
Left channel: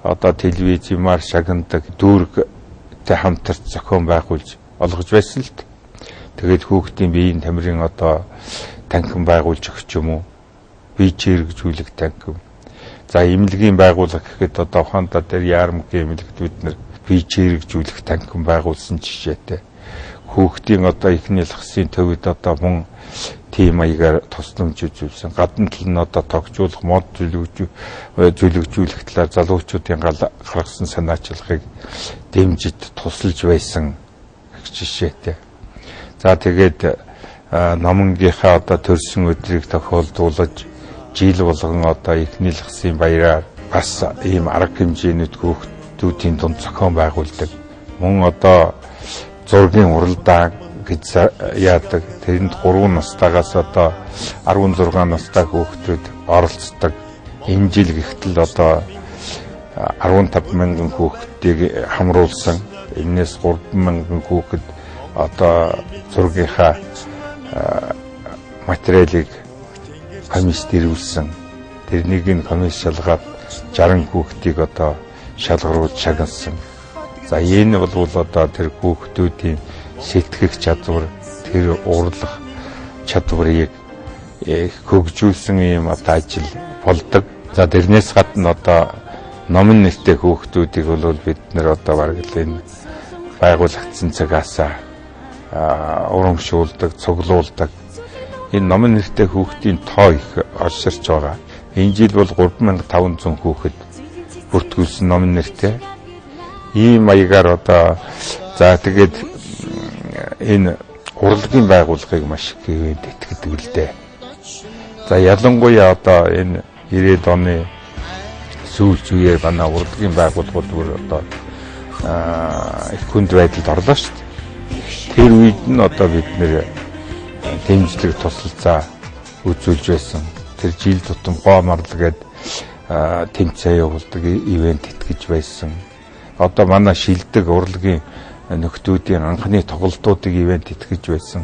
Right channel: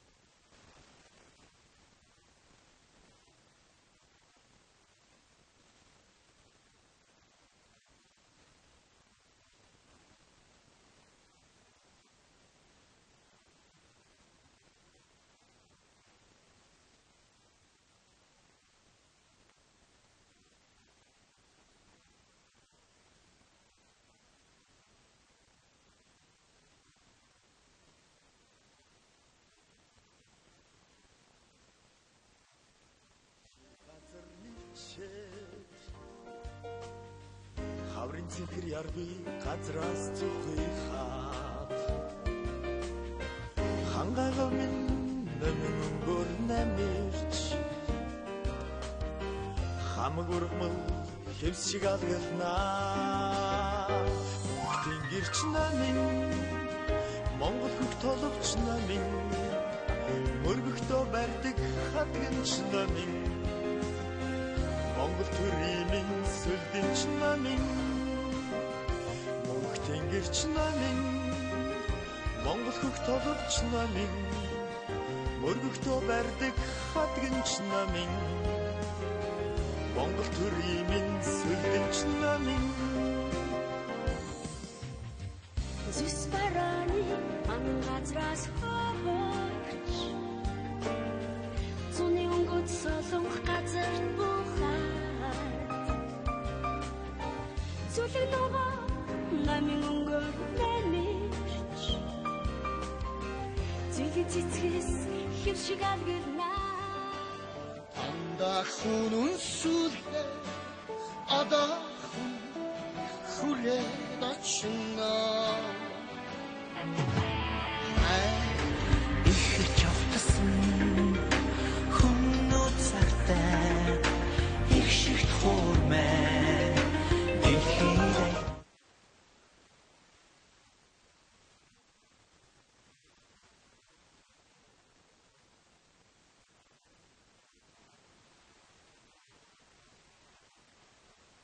одоо телевизээр шагнадаг дүүрэгтэй хамтарч зохион байгуулж олгож байсан л т. Тэгээд хүүхдийн биеийн тамирын одоо танхим байгуулж өгч юм уу? Бие чирэгжүүлэх танхим. За эмнэлгийн байгууллага гэхэд одоо ухаандаа дээр яармгийн эмнэлэгт бид нэр бие чирэгжүүлэх танхим байгуулсан жишээтэй. Хүүхдийн одоо ихний лахсын төвөд одоо мөн тийм маягаар тусламж үзүүлсэн. Гадна тал нь одоо тогтжуулах, мод зүйлэгжүүлэх талаар залуучуудын гаргасан санаачлагыг дэмжиж тусалж байсан жишээтэй. За тэгээд номонгийнхаа одоо төрсөн өдрийг тохиолдуулж жил болгон одоо ихний лахсын баяраар бас ийм арга хэмжээнд хүүхдүүдийн дунд зохион байгуулдаг. Мөн одоо зургийн уралдаан гэж яадаг. Тэрэнд 3 настайгаас одоо 16 настай хүүхдүүд оролцдог. Энэ жил гэхтэл одоо 15,000 хүүхдийг хамруулсан. Энээс 3,000 хүүхэд одоо зургийнхаа материалыг комисс дэрвүүлсэн. Тэрнийг нь комисс шалгаад 60 хүүхдийг одоо шалгаруулж шагналсан. За энэ бол одоо тэр хүүхдүүдийн сэтгэх чадвар, тэр урлах чадварыг хөгжүүлсэн юм одоо ажил болдог. За тэрнээс гадна одоо номын нэртэй хүүхдүүдийг бол бид нэр одоо бараг л энэ байгуулагдсан цагаас урамшуулдаг, цуглуулдаг. Энэ номын нэртэй хүүхдийн тоо их орширч байгаа. Энэ жил бол 3,500 хүүхэд бүртгүүлсэн номын нэртэй. Ийм маягаар одоо за тэгээд энэ урлагийн байгууллагыг маш их итгэдэг л дээ. За ялангуяа одоо энэ 90-ад оны сүүлч үеэр манай урлагийн байгууллагууд бүр одоо их хүнд байдалд орлоо шүү дээ. Тэр үед нь одоо бид нэр дэмжлэг тусалцаа үзүүлж байсан. Тэр жил тутам гоомарлаг гээд тэмцээн явуулдаг ивент итгэж байсан. Одоо манай шилдэг урлагийн нөхдүүдийн анхны тоглолтуудыг ивент итгэж байсан.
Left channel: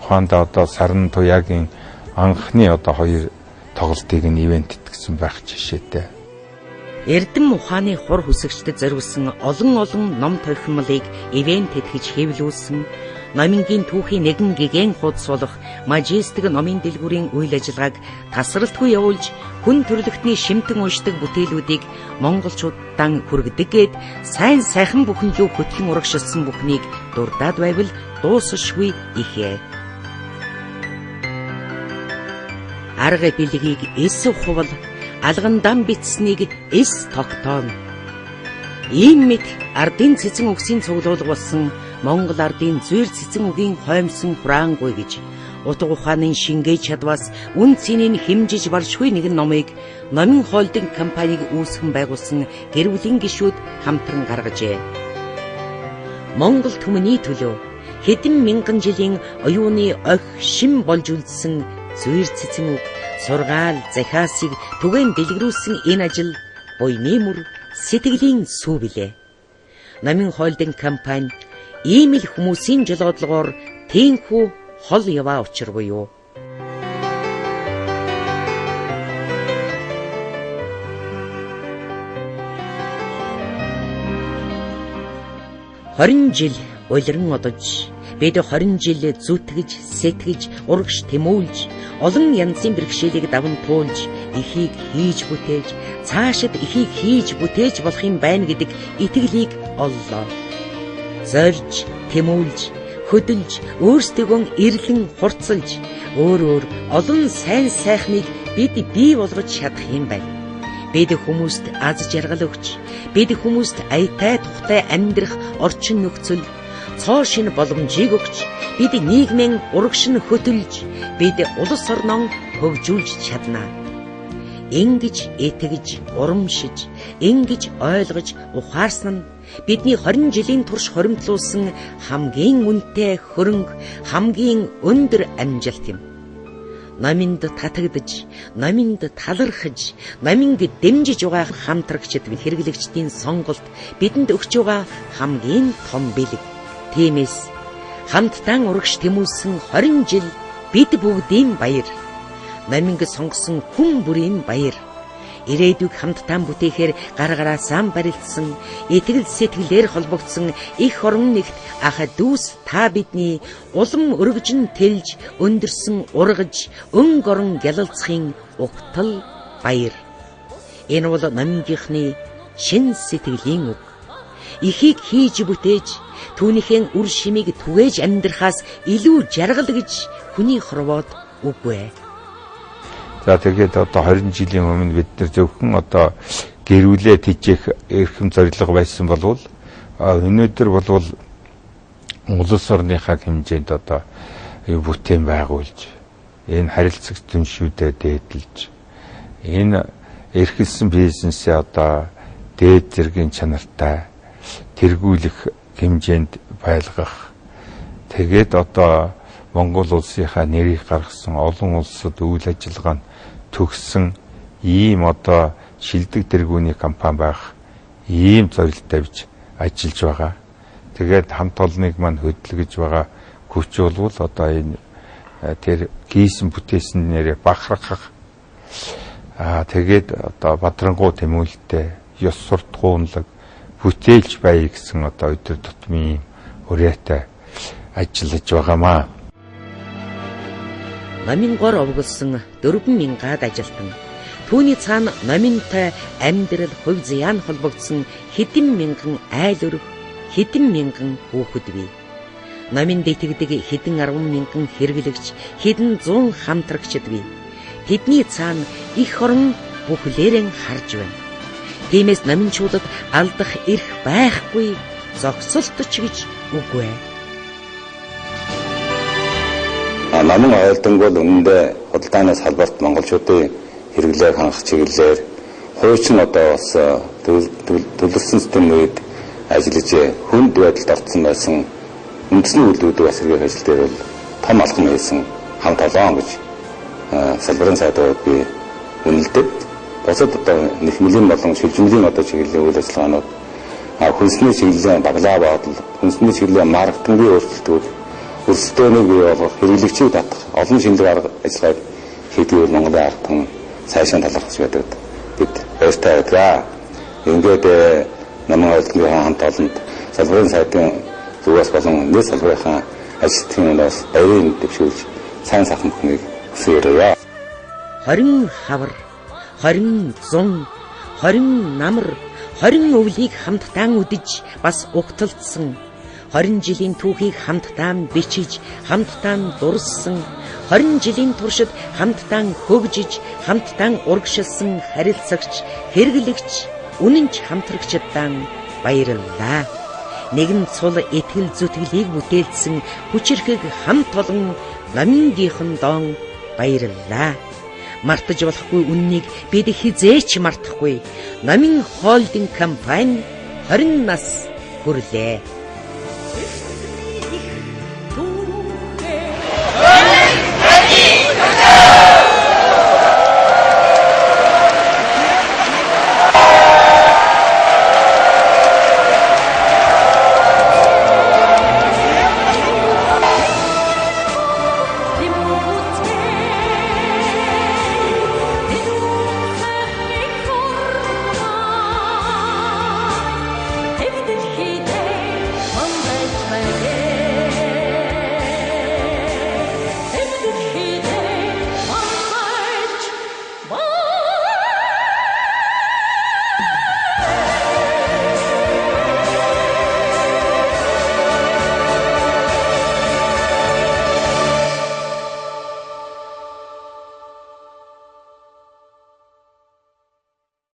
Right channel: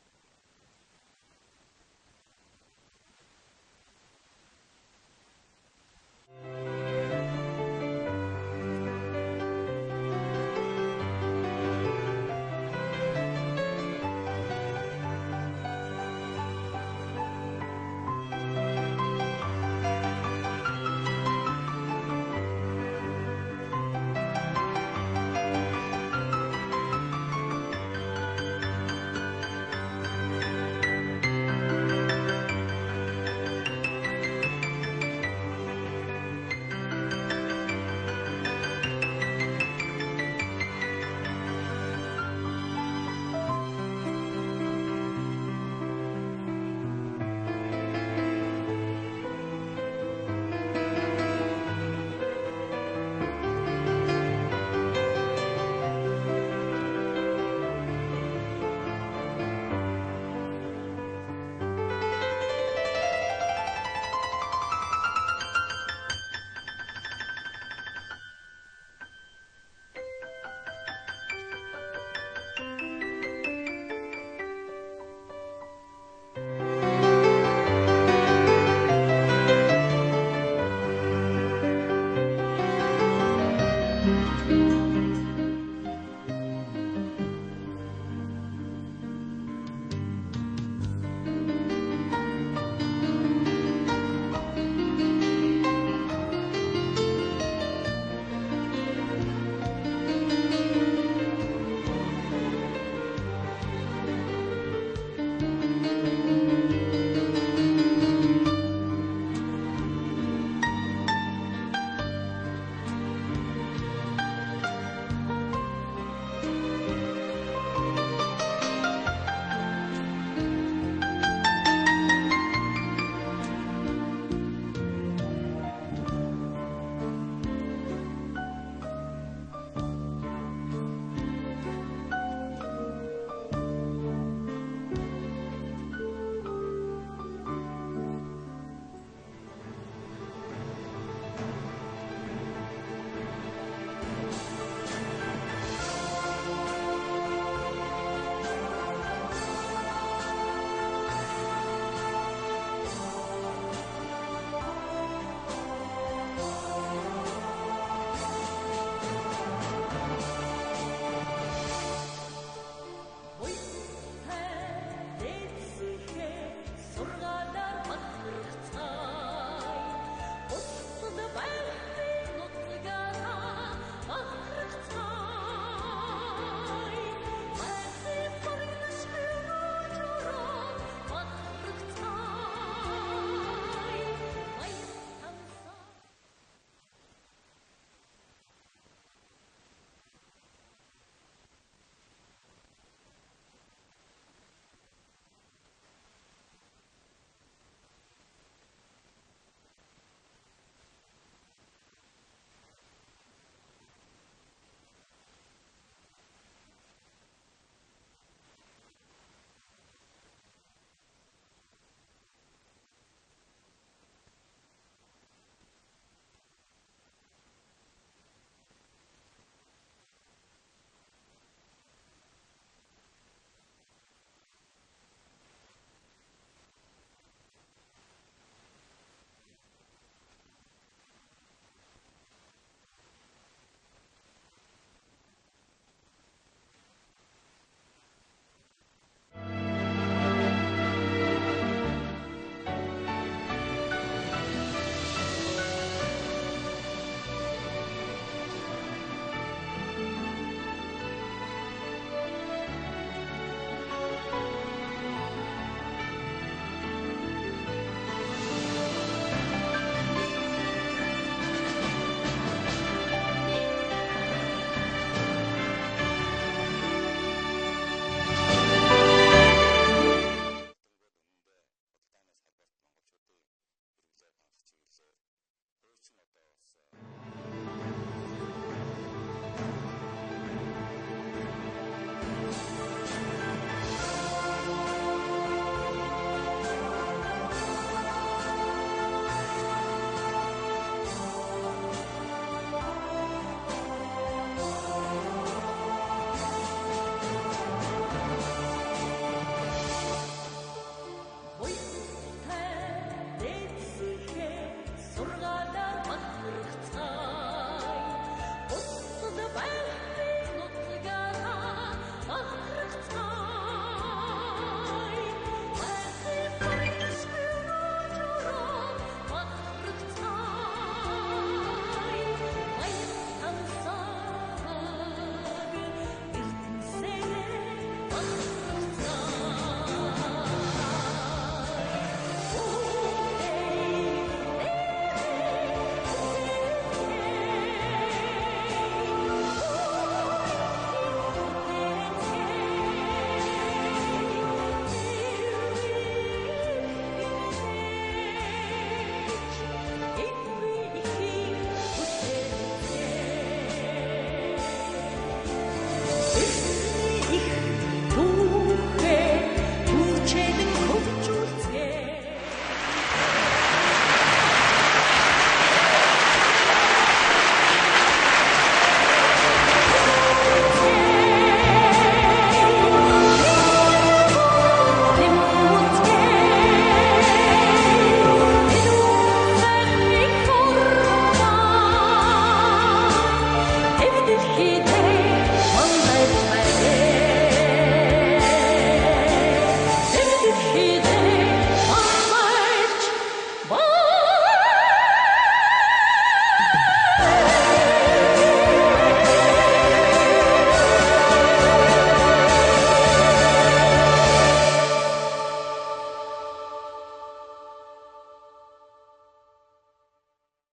Ухаандаа одоо Саран Туяагийн анхны одоо 2 тоглолтыг нь ивент итгэсэн байх жишээтэй. Эрдэм ухааны хур хүсэгчдэд зориулсан олон ном тохиомлыг ивент итгэж хэвлүүлсэн. Номингийн түүхийн нэгэн гигэн хуудас болох Мажистик номын дэлгүүрийн үйл ажиллагааг тасралтгүй явуулж хүн төрөлхтний шимтэн уншдаг бүтээлүүдийг монголчуудаа хүргэдэг гээд сайн сайхан бүхэн юу хөтлөн урагшилсан бүхнийг дурдаад байвал дуусшгүй ихээ. Арга бэлгийг эс ухвал алгандан битснийг эс тогтооно. Ийм мэд ардын цэцэн үгсийн цуглуулга болсон Монгол ардын зүйр цэцэн үгийн хоомсон хураангүй гэж утга ухааны шингээ чадваас үн цэнийг хэмжиж баршгүй нэгэн номыг Номын холдинг компаниг үүсгэн байгуулсан гэр бүлийн гишүүд хамтран гаргажээ. Монгол түмний төлөө хэдэн мянган жилийн оюуны ог шим болж үлдсэн зүйр цэцэн үг, сургаал, захиасыг түгээн дэлгэрүүлсэн энэ ажил буйны мөр сэтгэлийн сүү билээ. Номын холдинг компани ийм л хүмүүсийн жолоодлогоор тийхүү хол яваа учиргүй юу? Хорин жил улиран одож, бид 20 жил зүтгэж, сэтгэж, урагш тэмүүлж, олон янзын бэрхшээлийг даван туулж, эхийг хийж бүтээж, цаашид эхийг хийж бүтээж болох юм байна гэдэг итгэлийг оллоо. Зорж, тэмүүлж, хөдөлж, өөрсдөө эрлэн хурцлж, өөр олон сайн сайхныг бид бий болгож чадах юм байна. Бид хүмүүст аз жаргал өгч, бид хүмүүст аятай тухтай амьдрах орчин нөхцөл, цоо шин боломжийг өгч, бид нийгмийн урагшин хөтөлж, бид улс орноо хөгжүүлж чадна. Ингэж итгэж, урамшиж, ингэж ойлгож ухаарсан нь бидний 20 жилийн турш хоримтлуулсан хамгийн үнэтэй хөрөнгө, хамгийн өндөр амжилт юм. Номинд татагдж, номинд талархаж, номинд дэмжиж байгаа хамтрагчид, хэрэглэгчдийн сонголт бидэнд өгч байгаа хамгийн том бэлэг. Тиймээс хамтдаа урагш тэмүүлсэн 20 жил бид бүгдийн баяр. Номинг сонгосон хүн бүрийн баяр. Ирээдүйг хамтдаа бүтээхээр гаргараасаа барилдсан, итгэл сэтгэлээр холбогдсон их орон нэгт ах дүүс та бидний улам өргөжн тэлж, өндөрсөн ургаж, өнг орон гялалцахын угтал баяр. Энэ бол номгийнхны шин сэтгэлийн үг. Ихийг хийж бүтээж, түүнийхээ үр шимийг түгээж амьдрахаас илүү жаргал гэж хүний хорвоод үгүй. За тэгээд одоо 20 жилийн өмнө бид нар зөвхөн одоо гэрүүлээ тижээх эрхэм зорилго байсан болвол өнөөдөр болвол улс орныхаа хэмжээнд одоо бүтээн байгуулж, энэ харилцагч түншүүдэд дээдлж, энэ эрхэлсэн бизнесээ одоо дээд зэргийн чанартай тэргүүлэх хэмжээнд байлгах. Тэгээд одоо Монгол улсынхаа нэрийг гаргасан олон улсад үйл ажиллагаанд төгссөн ийм одоо шилдэг тэргүүний компани байх ийм зорилттой бич ажиллаж байгаа. Тэгээд хамт олныг мань хөдөлгөж байгаа хүч болвол одоо энэ тэр гийсэн бүтээсэн нэрээ бахархах тэгээд одоо бадрангуй тэмүүлэлтэй ёс суртахуунлаг бүтээлж бай гэсэн одоо өдөр тутмын хүрээтэй ажиллаж байгаамаа. Номын гор овголсон 4,000-аад ажилтан, түүний цаана номинтой амьдрал хувь заяан холбогдсон хэдэн мянган айл өрг, хэдэн мянган хүүхэд бий. Номинд итгэдэг хэдэн 10 мянган хэрэглэгч, хэдэн 100 хамтрагчид бий. Тэдний цаана их орон бүхлээрэн харж байна. Тиймээс номинчуудад алдах эрх байхгүй, зогсолтч гэж үгүй. Номын ойлтонг бол үнэндээ худалдаанаас салбарт монголчуудын хэрэглээг хангах чиглэлээр хуучин одоо бас төлөвлөсөн системийн үед ажиллаж хүнд байдалд орсон байсан үндэсний үйлдвэрүүд бас хэрэглэх ажил дээр бол том алхам хийсэн хамт олон гэж салбарын сайдууд би үнэлдэг. Босод одоо нэхмэлийн болон шилжүүлгийн одоо чиглэлийн үйл ажиллагаанууд хүнсний чиглэлийн баглаа бодол, хүнсний чиглэлийн маркетингийн өөрчлөлтүүд өрсөлдөөнийг бий болгох, хэрэглэгчийг татах олон шинжлэх арга ажиллагааг хийдэг Монголын ард түмэн цаашаа талархаж байдаг. Бид баяртай байдаг. Ингээд намын ойлтны хамт олонд салбарын сайдын зүгээс болон нийт салбарынхаа ажилтнуудын бас баярын дэвшүүлж сайн сайхан бүхнийг хүсээрээ. 20 хавар, 20 зун, 20 намар, 20 өвлийг хамтдаа үдэж бас угталдсан, 20 жилийн түүхийг хамтдаа бичиж, хамтдаа дурссан, 20 жилийн туршид хамтдаа хөгжиж, хамтдаа урагшилсан харилцагч, хэрэглэгч, үнэнч хамтрагчдаа баярлалаа. нэгэн цул итгэл зүтгэлийг бүтээлсэн хүчирхэг хамт олон намингийнхан доон баярлалаа. Мартаж болохгүй үннийг бид хизээч мартахгүй. Намин холдинг компани 20 нас хүрлээ.